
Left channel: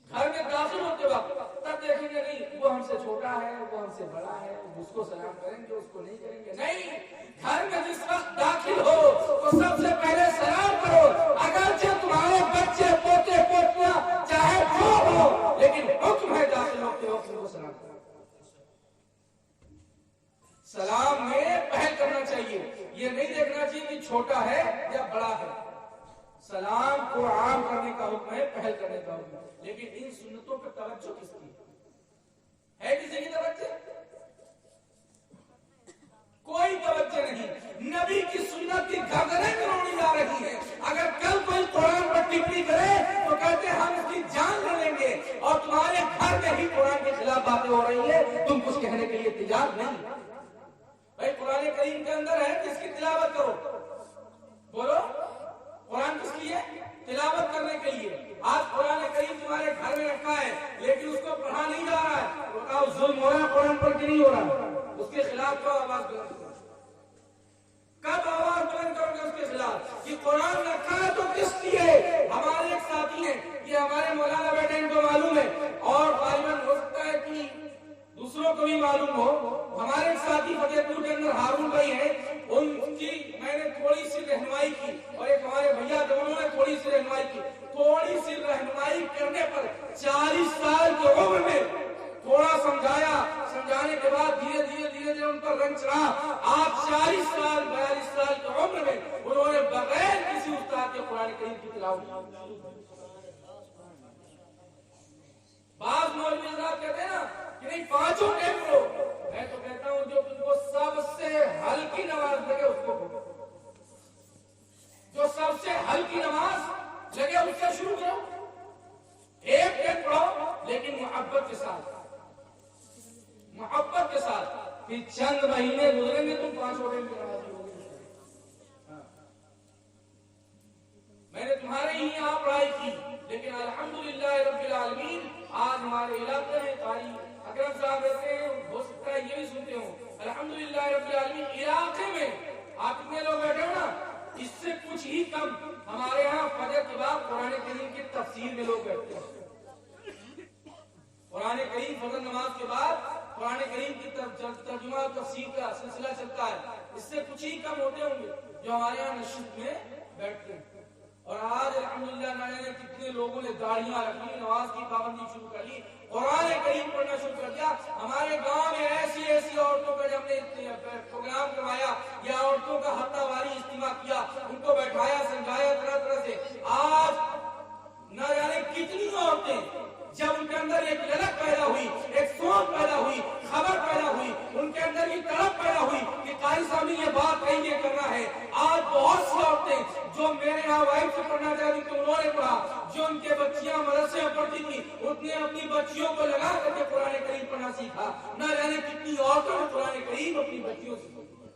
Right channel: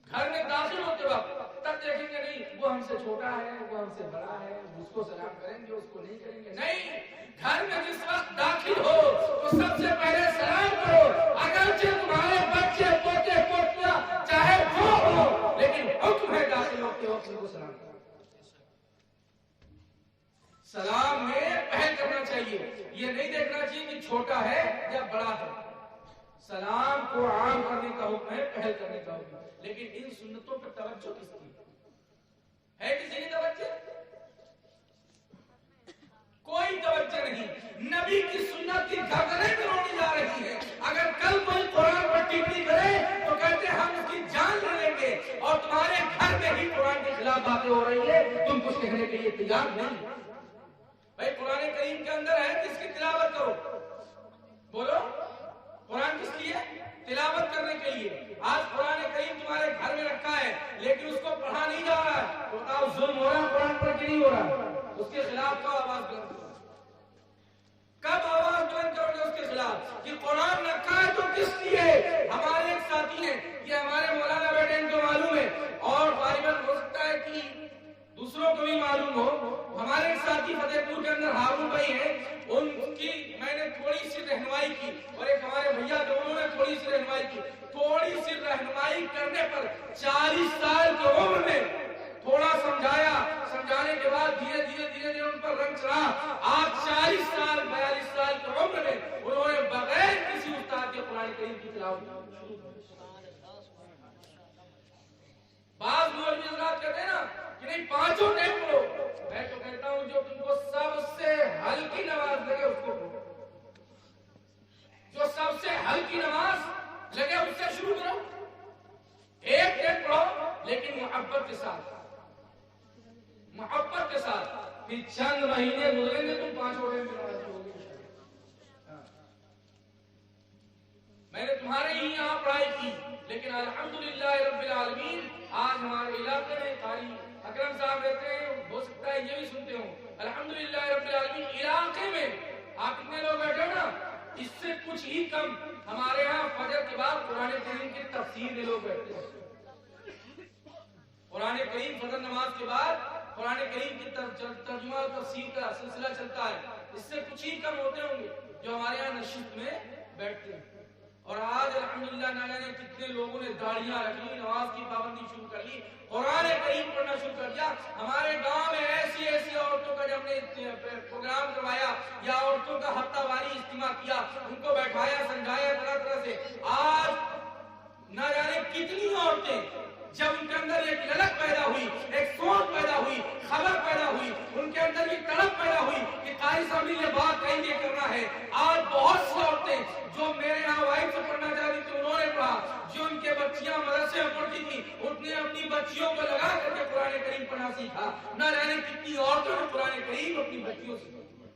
گھر میں داخل ہوتے وقت تب دیکھیں گے نہیں وہ ہم سے چھوٹا ہے, وہ ہم سے بڑا ہے, اس کو سلام کریں گے, اس کو نہیں کریں گے. نہیں, گھر میں جس وقت داخل ہو تو سب سے پہلے سلام کرو. اگرچہ تمہارے بچے پوتے پوتیاں چاہے جو ہو, لیکن حکم ہے داخل ہوتے وقت ان کو سلام کرو. سلام میں پہل کرنا چاہیے. یہ نہیں دیکھنا چاہیے کہ چھوٹا ہے یا بڑا ہے. سلام کو عام کرنے کا حکم ہے, پہل کرنے کا حکم ہے. لیکن ان سنتوں پر توجہ کس کی ہے؟ کسی کی توجہ؟ کوئی توجہ نہیں. نبی کی سنت کی گردنیں توڑی جا رہی ہیں. اگر کل کوئی قرآن پر ٹپڑی کرے تو کہتے ہیں ہم اس کی جان لے لیں گے, اور تمہارے گھر میں ہی قرآن کے خلاف باتیں ہو رہی ہیں, تم کچھ کہنے کے لیے تیار نہیں. بھائی قرآن کریم کے اندر ہے کس کی تلاوت کرو؟ بولو. قرآن کس کی ہے؟ تلاوت کرنے کے لیے. آج قرآن کریم تمہارے گھر میں رکھا ہے لیکن اس کو پڑھا نہیں جا رہا ہے. بتاؤ ظلم ہو رہا ہے قرآن پر کہ نہیں ہو رہا؟ اس کے خلاف کب آواز بلند کرو؟ کب آواز بلند کرو گے اس کے خلاف کہ قرآن رکھا ہے تو کس لیے؟ ہمارے ایک ساتھی ہیں, یہ ہمارے مولانا بیٹے ان کو معلوم ہے اور غالباً ہو سکتا ہے کہ دوسروں کو بھی معلوم ہو. ہمارے ایک ساتھی فتح پور کے اندر ہارون بھائی ہیں, ان کی میں نے تھوڑی سی رہنمائی کی, اور ایک ہمارے بھیا دونوں نے تھوڑی سی رہنمائی کی. تھوڑی سی رہنمائی کرنے پر 40 سال کی عمر میں تھوڑا سمجھایا, سمجھانے کے بعد دھیرے دھیرے ان پر رنگ چڑھا. آج 40 سال 42 سال کی عمر میں انہوں نے بغیر کسی استاد کے قرآن کریم کی تلاوت. بعض مولوی حضرات کہتے ہیں نا کہ نہیں پانچوں ٹائم لو. میں تو کہتا ہوں جو تم کو سب سے ہلکی نماز لگے اس کو پڑھو, جو سب سے ہلکی نماز لگے اس سے شروع کرو. ایک ٹائم پڑھو لیکن محبت کے ساتھ, محبت کے ساتھ. پھر چند مہینے گزریں گے تم پانچوں ٹائم کی نماز پڑھو گے. میں نے تمہارے ہی یہاں پڑھائی کی, لیکن الحمدللہ رب العالمین آج ہمارے علاقے میں قاری اکرم صاحب رہتے ہیں, ہو سکتا ہے یہ بھی سنتے ہوں. الحمدللہ رب العالمین علاقے میں آپ اتنے لوگ بیٹھے ہو نا, اس سے کچھ ہی کم ہمارے یہاں فجر کے بعد قرآن کریم کی تفسیر میں لوگ بیٹھتے ہیں. قرآن کریم فجر نماز کے بعد قرآن کریم کی ترجمہ اور تفسیر کا سلسلہ چلتا ہے. اس سے کچھ ہی کم ہوتے ہوں گے جو ہمارے یہاں نشست میں بیٹھتے ہیں. اور آج الحمدللہ نہ جانے کتنے لوگوں نے داڑیاں رکھی, نماز کی پابندی شروع کر لی, قرآن کریم پڑھنا شروع کر دیا. ہمارے گاؤں میں ایسی عورتوں کا جب نے پروگرام کروایا یا عورتوں کا ہفتہ واری اجتماع کیا, ان کو بیٹھایا, سمجھایا طرح سے. آج نہ جانے کتنی عورتیں جب ان کے اندر ایک للک پیدا ہوئی, ایک سوچ پیدا ہوئی, خبر پیدا ہوئی, ان کے اندر بھی تڑپ پیدا ہوئی کہ قاری صاحب نے یہ بات کہیں یہ کرنا ہے. آج بہت سی عورتیں جو میرے یہاں وائف سے پڑھنا چاہتی تھی انہوں نے پڑھا, جو ان کے بچیاں مدرسے میں پڑھتی تھی اس نے اپنی بچیوں کو لگا کر کے قرآن کریم پڑھنا سیکھا. نہ جانے کتنی عورتوں نے قرآن کریم اپنی بچیوں سے پڑھی.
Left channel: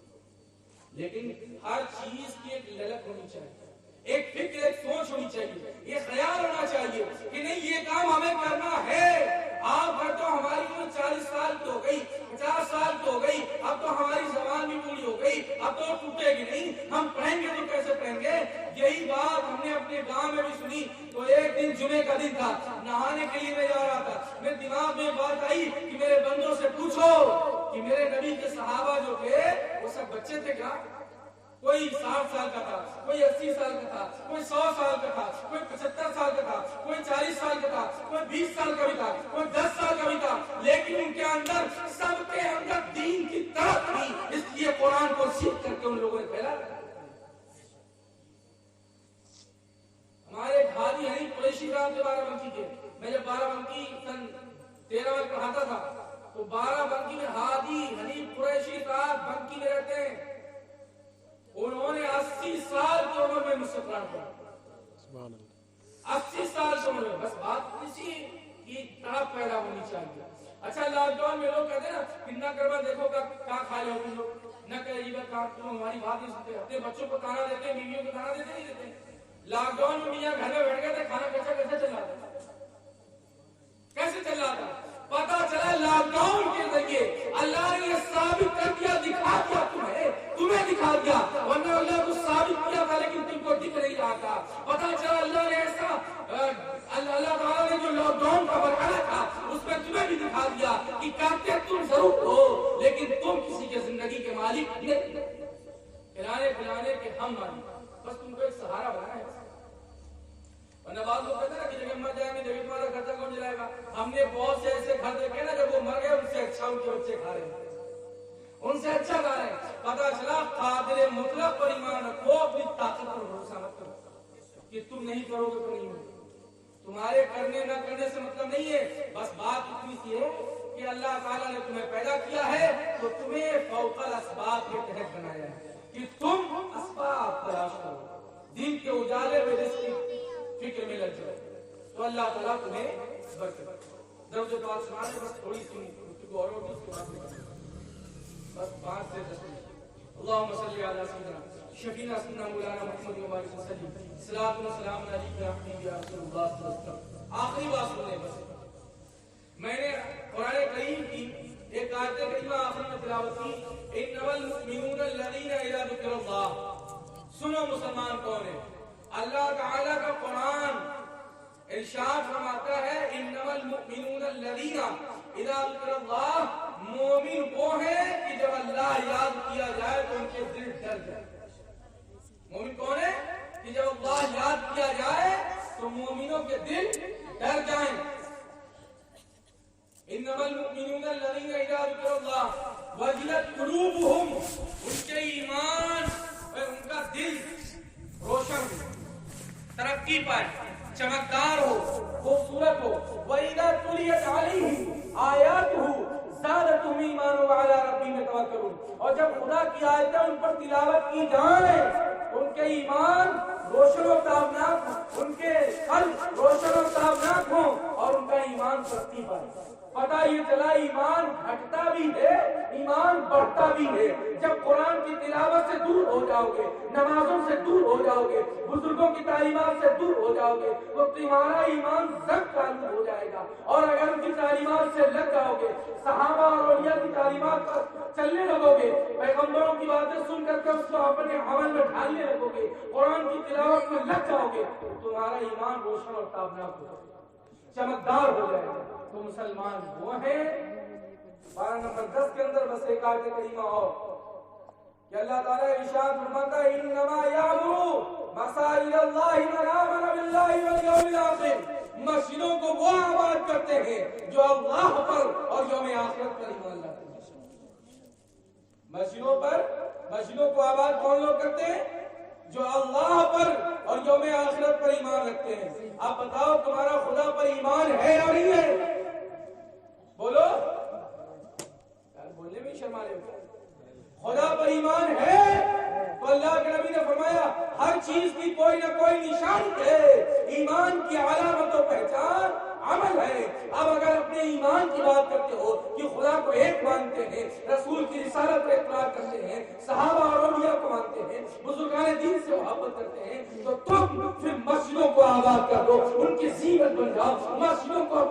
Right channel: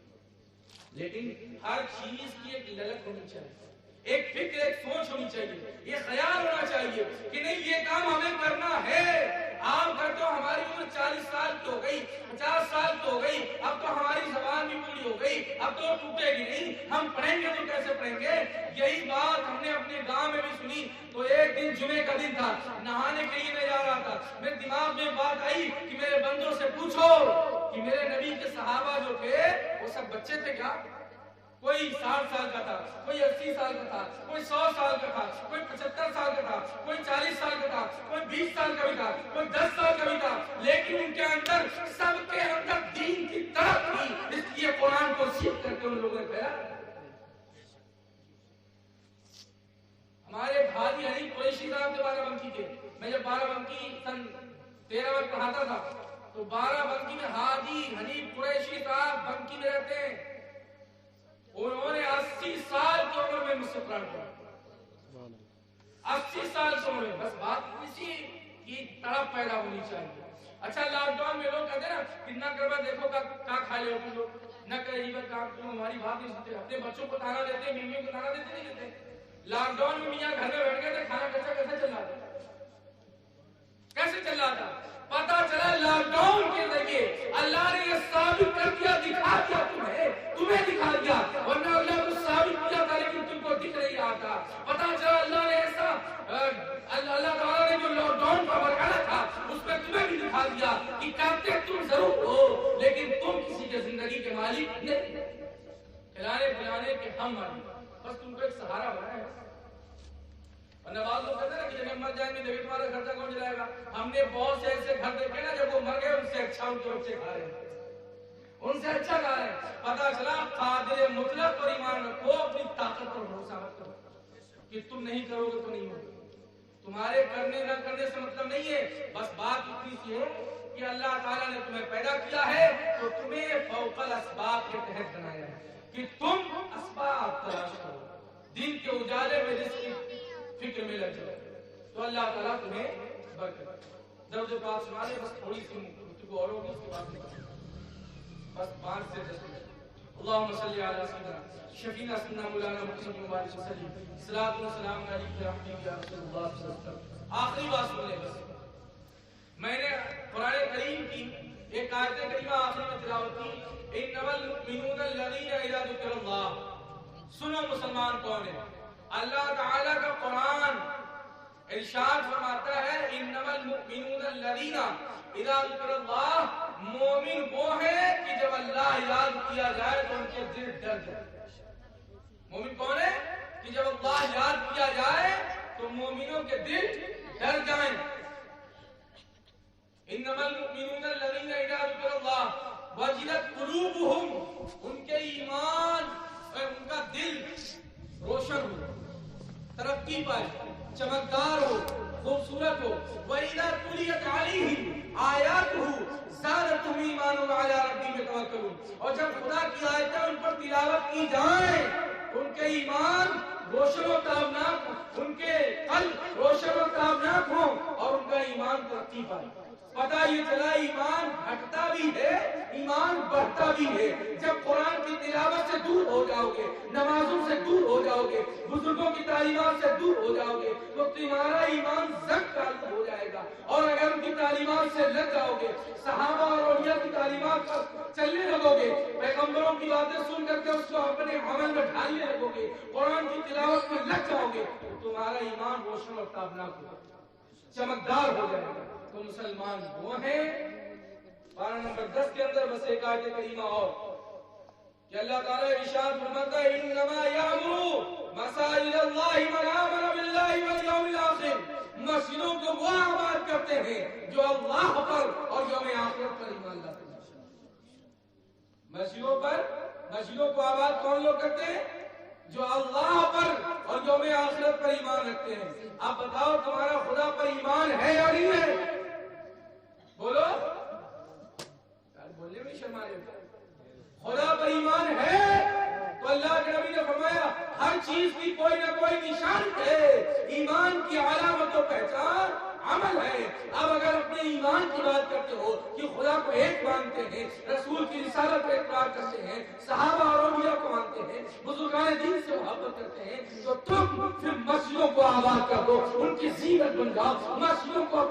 لیکن ہر چیز کی ایک للک ہونی چاہیے, ایک فکر, ایک سوچ ہونی چاہیے, یہ خیال ہونا چاہیے کہ نہیں یہ کام ہمیں کرنا ہے. آپ گھر تو ہماری عمر 40 سال کی ہو گئی, 50 سال کی ہو گئی, اب تو ہماری زبان بھی پوری ہو گئی, اب تو ٹوٹے گی نہیں, ہم پڑھیں گے تو کیسے پڑھیں گے. یہی بات ہم نے اپنے گاؤں میں بھی سنی. تو ایک دن جمعے کا دن تھا, نہانے کے لیے میں جا رہا تھا, میرے دماغ میں بات آئی کہ میرے بندوں سے پوچھو کہ میرے نبی کے صحابہ جو تھے وہ سب بچے تھے کیا؟ کوئی 60 سال کا تھا, کوئی 80 سال کا تھا, کوئی 100 سال کا تھا, کوئی 75 سال کا تھا, کوئی 40 سال کا تھا, کوئی 20 سال کا بھی تھا, کوئی 10 سال کا بھی تھا. لیکن ان کے اندر سب کے اندر دین کی طرف تھی, اس لیے قرآن کو سیکھ کر کے ان لوگوں نے پھیلا. ہمارے بھائی علی قریشی قریشی صاحب تھے بارہ بنکی کے. میں جب بارہ بنکی سن 13 میں پڑھاتا تھا تو بارہ بنکی میں حاجی حنیف قریشی صاحب بنکی میں رہتے ہیں. انہوں نے 80 سال کی عمر میں مجھ سے قرآن پڑھا. 80 سال کی عمر میں. بس بات کسی کی تڑپ پیدا ہونی چاہیے. اچھا لاک ڈاؤن میں لوگ کہتے ہیں نا کتنا کروا دیکھو کیا کھا لے ہو تم لوگ نہ کہ یہ بات تم ہماری بات نہیں سنتے. اپنے بچوں کو کھانا دیتے ہیں, بیویوں کو کھانا دیتے نہیں دیتے. لاک ڈاؤن میں میاں گھر میں بیٹھ گئے تھے, کھانا کیسے چل رہا تھا, کیسے چل رہا تھا. پتا چلا لاک ڈاؤن کے ذریعے اللہ نے یہ ثابت کر دیا, دکھا دیا تمہیں دکھا دیا, ورنہ اللہ کو ثابت کیا تھا لیکن تم کو دکھ نہیں رہا تھا. پتا چلا اللہ نے ایسا اللہ تعالیٰ نے جو لاک ڈاؤن کا برقرار تھا اس میں تمہیں بھی دکھا دیا کہ کہتے تم ضرور ہو لیکن تم کسی کے زندگی کے مالک نہیں. کھلانے پلانے کے ہم مالک, بس تم کو ایک سہارا بنایا ہے. ورنہ بعض لوگ کہتے ہیں نا کہ جب ہم مر جائیں گے تو تمہارا خرچہ کون چلائے گا. ہم نے بہت سے ایسے گھر دیکھے نا جب وہ مر گئے ان سے اچھا ان کے بچے کھا رہے ہیں, ان سے اچھا کھا رہے ہیں. پتا چلا قادر مطلق پر ایمان رکھو, اپنی طاقت پر بھروسہ مت کرو کہ تم نہیں کرو گے تو نہیں ہوگا. تمہارے کرنے نہ کرنے سے مطلب نہیں ہے, بس بات اتنی سی ہے کہ اللہ تعالیٰ نے تمہیں پیدا کیا ہے تو تمہیں فوق الاسباب کے تحت بنایا ہے کہ تم اسباب تلاش کرو, دن کے اجالے میں رزق کی فکر میں لگ جاؤ تو اللہ تعالیٰ تمہیں برکت. درد پاک سنانے بس تھوڑی سی گفتگو اور ہوگی, اس کے بعد بس 5 سے 10 منٹ. اللهم صل على سيدنا شفينا سيدنا مولانا محمد وبارك وسلم صلاۃ و سلام علیک یا حبیب یا رسول اللہ صلی اللہ علیہ وسلم. آخری بات سنیں, بس میں نے قرآن کریم کی ایک آیت کریمہ آخری میں تلاوت کی, انما المؤمنون الذين اذا ذكر الله. سنو مسلمان کون ہے, اللہ تعالی کا قرآن ارشاد فرماتا ہے انما المؤمنون الذين اذا ذكر الله. مومن وہ ہے کہ جب اللہ یاد کیا جائے تو ان کے دل ڈر جائے. مومن کون ہے کہ جب اللہ یاد کیا جائے تو مومنوں کے دل ڈر جائیں. انما المؤمنون الذين اذا ذكر الله وجلت قلوبهم. ان کے ایمان اور ان کا دل روشن ہو, ترقی پائے, چمکدار ہو, خوبصورت ہو. وَإِذَا تُلِيَتْ عَلَيْهِمْ آيَاتُهُ زَادَتْهُمْ إِيمَانًا وَعَلَىٰ رَبِّهِمْ يَتَوَكَّلُونَ. اور جب خدا کی آیتیں ان پر تلاوت کی جائیں ان کے ایمان روشن و تابناک, ان کے قلب روشن و تابناک ہوں اور ان کا ایمان ترقی پائے. پتہ یہ چلا ایمان گھٹتا بھی ہے, ایمان بڑھتا بھی ہے. جب قرآن کی تلاوت سے دور ہو جاؤ گے, نمازوں سے دور ہو جاؤ گے, بزرگوں کی تعلیمات سے دور ہو جاؤ گے تو تمہارا ایمان زنگ تعلیم ہو جائے گا. اور اگر ان کی تعلیمات سے لگ جاؤ گے, صحابہ اور اولیاء کی تعلیمات پر چلنے لگو گے, پیغمبروں کی باتیں سن کر کے اس کو اپنے عمل میں ڈھالنے لگو گے, قرآن کی تلاوت میں لگ جاؤ گے تو تمہارا ایمان روشن اور تابناک ہو جائے گا, چمکدار ہو جائے گا. تو مسلمان وہ ہیں. 12 نمبر 10 کے اندر بس ایک آیت کریمہ اور کہ اللہ تعالیٰ ارشاد فرماتا ہے انما یامرو مساجد اللہ من آمن باللہ والیوم الآخر. مسجدوں کو وہ آباد کرتے ہیں جو اللہ پر اور یوم آخرت پر ایمان لاتے ہیں. مسجدوں کو آباد کون لوگ کرتے ہیں؟ جو اللہ پر اور یوم آخرت پر ایمان رکھتے ہیں. اب بتاؤ تمہارا خدا پر ایمان ہے یا نہیں ہے؟ بولو, بولنے میں شرما رہے ہو. خدا پر ایمان ہے تو اللہ کے نبی نے فرمایا ہر چیز کی کوئی نہ کوئی نشانی ہے. ایمان کی علامت و پہچان عمل ہے. اب اگر اپنے ایمان کی بات کرتے ہو کہ خدا کو ایک مانتے ہیں, رسول کی رسالت کو اقرار کرتے ہیں, صحابہ اور اولیاء کو مانتے ہیں, بزرگان دین سے محبت کرتے ہیں, تو تم پھر مسجدوں کو آباد کر دو, ان کی زینت بن جاؤ. مسجدوں کو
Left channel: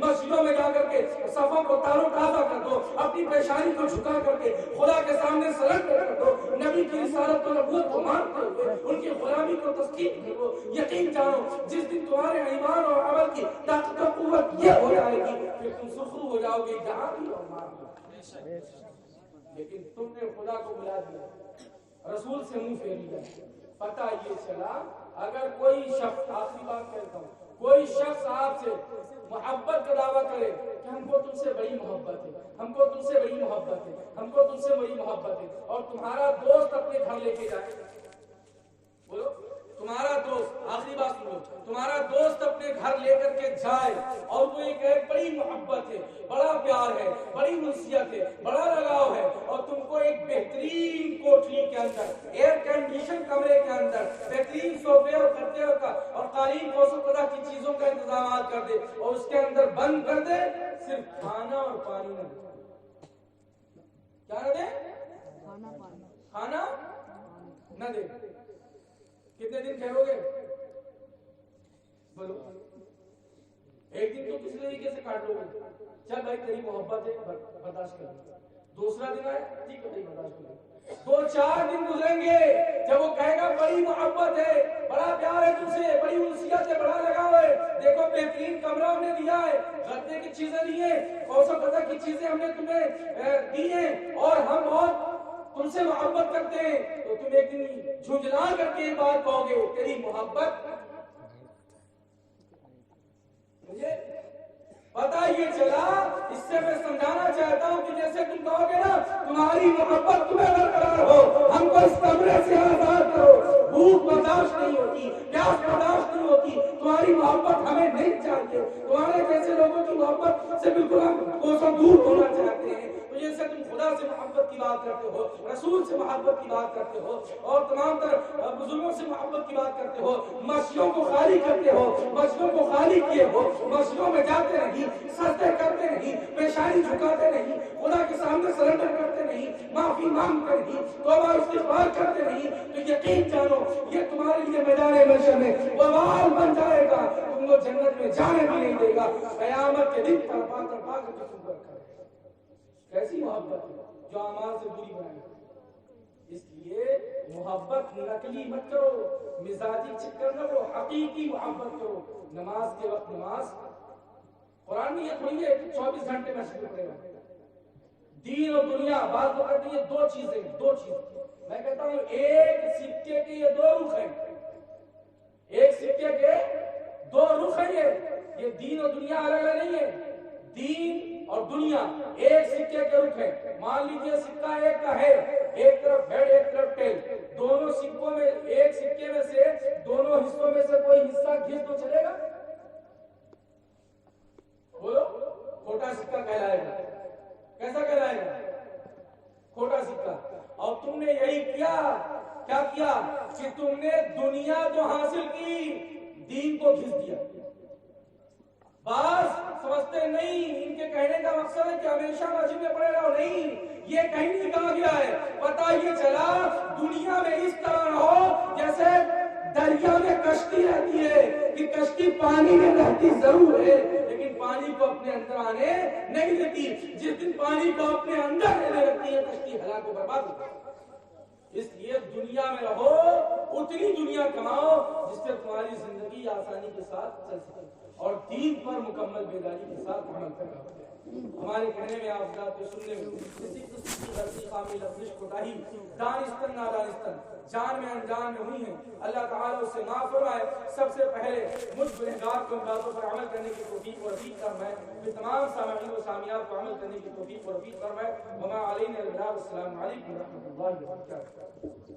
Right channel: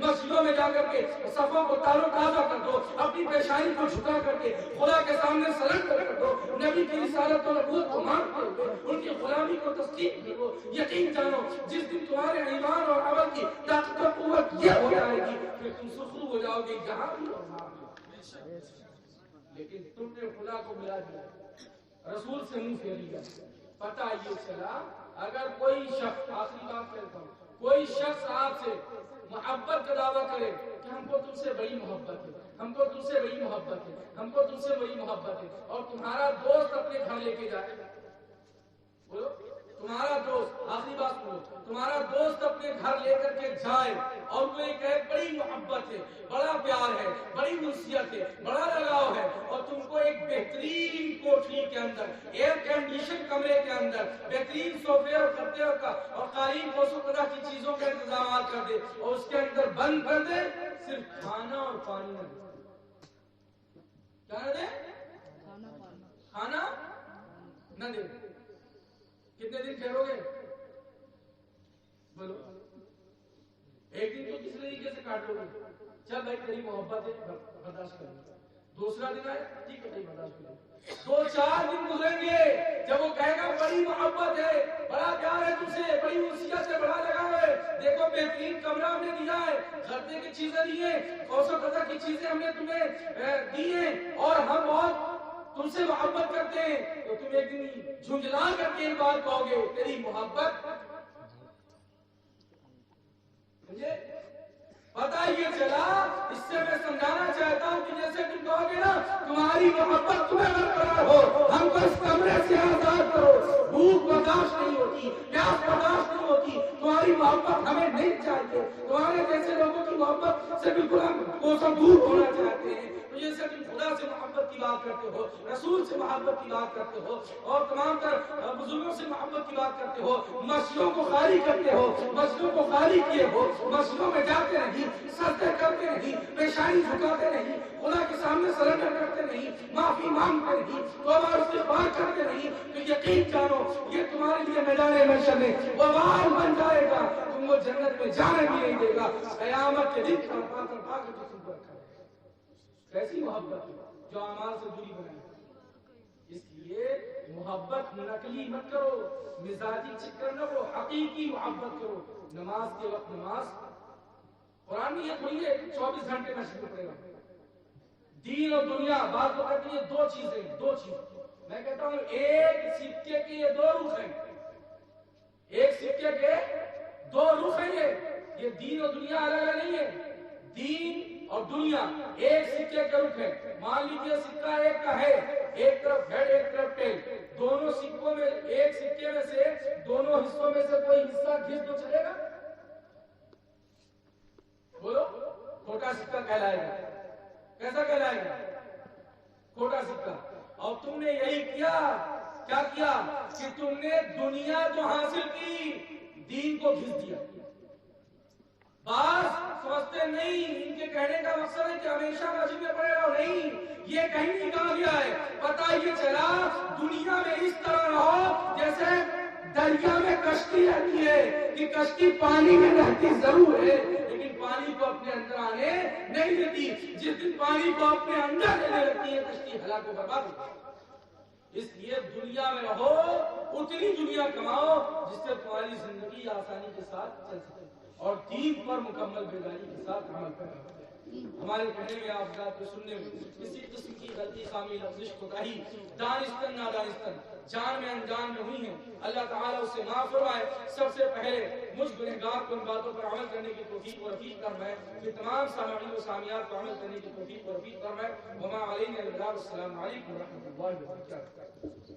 مسجدوں میں جا کر کے صفوں کو تارو تازہ کر دو, اپنی پیشانی کو جھکا کر کے خدا کے سامنے سرنڈر کر دو. نبی کی رسالت و نبوت کو مانتے ہوئے ان کی غلامی کو تسلیم کرو. یقین جانو جس دن تمہارے ایمان اور عمل کی طاقت و قوت یہ ہو جائے گی کہ تم سخرو ہو جاؤ گے جہاں بھی اور وہاں بھی. لیکن تم نے خدا کو بلا دیا, رسول سے منہ پھیر لیا. پتہ یہ چلا اگر کوئی شخص, آخری بات کہتا ہوں, کوئی شخص آپ سے محبت کا دعویٰ کرے کہ ہم کو تم سے بڑی محبت ہے, ہم کو تم سے بڑی محبت ہے, ہم کو تم سے بڑی محبت ہے, اور تمہارا دوست اپنے گھر لے کے جائے, بولو تمہارا دوست، آخری بات سنو، تمہارا دوست اپنے گھر لے کر کے جائے اور وہ یہ کہے بڑی محبت ہے، بڑا پیار ہے، بڑی انسیت ہے، بڑا لگاؤ ہے، اور تم کو ایک بہترین کوٹری کے اندر، ایئر کنڈیشن کمرے کے اندر بہترین صوفے اور گدے اور قالین کوسوں طرح کی چیزوں کا انتظامات کر دے اور اس کے اندر بند کر دے، صرف کھانا اور پانی نہ دے. کیا نہ دے؟ کھانا نہ دے. کتنے دن ٹھہرو گے؟ بولو. ایک دن تو کسی طریقے سے کاٹ لو گے. چل بھائی تیری محبت ہے برداشت کر. دوسرا دن آئے ٹھیک ہے بھائی برداشت کرو. 2-4 دن گزریں گے جب وہ کہے گا بڑی محبت ہے، بڑا پیار ہے تم سے، بڑی انسیت ہے، بڑا لگاؤ ہے، دیکھو بہترین کمرہ ہم نے دیا ہے، گھرنے کی چیزیں دی ہیں، کوسوں قدر کی چیزیں ہم نے تمہیں دی ہیں، اور ہم بہت تم سے محبت کرتے ہیں، تو تم ایک دن جھنجھلا کر کے یہ بات کہو گے تیری محبت. پتا یہ چلا، اس سے میں سمجھانا چاہتا ہوں کہ جیسے تم کہو گے نا تمہاری محبت تمہیں برقرار ہو، ہم کو اس کمرے سے آزاد کرو، بھوک برداشت نہیں ہوتی، پیاس برداشت نہیں ہوتی، تمہاری محبت ہمیں نہیں چاہیے، تمہارے جیسے لوگوں کی محبت سے بالکل ہم کوسوں دور ہونا چاہتے ہیں. تو جیسے تم خدا سے محبت کی بات کرتے ہو، رسول سے محبت کی بات کرتے ہو، اور تمام تر بزرگوں سے محبت کی بات کرتے ہو، مسجدوں کو خالی کرتے ہو، مسجدوں کو خالی کیے ہو، مسجدوں میں جاتے نہیں، سجدے کرتے نہیں، پیشانی جھکاتے نہیں، خدا کے سامنے سرنڈر کرتے نہیں، معافی مانگتے نہیں، توبہ استغفار کرتے نہیں، تو یقین جانو یہ تمہارے لیے میدان محشر میں وبال بن جائے گا، تم کو جنت میں جانے بھی نہیں دے گا. قیامت کے دن تڑپا تڑپا کے تم کو رکھا ہے. کیسی محبت ہے جو اعمال سے دوری بنائے. اس لیے محبت نقلی مت کرو، مزاجی چکر نہ کرو، حقیقی محبت کرو. نماز کے وقت نماز، قرآن میں یہ تھوڑی ہے 24 گھنٹے کا شروع کرے گا. دین اور دنیا بات پکڑ کے یہ دو چیزیں. میں کہتا ہوں ایک سکے کے یہ 2 رخ ہیں، ایک سکے کے 2 رخ ہیں. یہ دین اور دنیا الگ الگ نہیں ہے. دین اور دنیا ایک سکے کے رخ ہے. مان لیجیے سکہ ایک کا ہے، ایک طرف ہیڈ ایک طرف ٹیل. دونوں سکوں میں ایک سکے میں سے دونوں حصوں میں سے کوئی حصہ گھس تو چلے گا؟ بولو. کھوٹا سکہ کہلائے گا. کیسا کہلائے گا؟ کھوٹا سکہ. اور تم نے یہی کیا کہ تم نے دنیا جو حاصل کی دین کو گھس دیا. بعض سمجھتے نہیں، ان کے کہنے کا مقصد ہے کہ ہمیشہ مسجد میں پڑے رہو. نہیں، یہ کہیں نہیں کہا گیا ہے. پتہ یہ چلا دنیا میں اس طرح رہو جیسے دریا میں کشتی رہتی ہے کہ کشتی پانی میں رہتی ضرور ہے لیکن پانی کو اپنے اندر آنے نہیں دیتی. جس دن پانی کو اپنے اندر لینے لگتی ہے کشتی ہلاک و برباد ہوتی ہے. اس لیے دنیا میں رہو، اتنی دنیا کماؤ جس سے تمہاری زندگی آسانی کے ساتھ چل سکے اور دین پر مکمل بیداری کے ساتھ عمل کرنا. ہمارے کہنے میں آپ ذات کو سننے میں کسی قسم کی غلطی، خامی، لفظ، کوتاہی، دانستن نادانستن، جان میں انجان میں ہوئی ہیں، اللہ تعالیٰ اسے معاف فرمائے. سب سے پہلے مجھ گنہگار کو ان باتوں پر عمل کرنے کی توفیق و رفیق فرمائے، پھر تمام سامعین و سامعات کو عمل کرنے کی توفیق و رفیق فرمائے. وما علینا الا البلاغ. السلام علیکم ورحمۃ اللہ وبرکاتہ.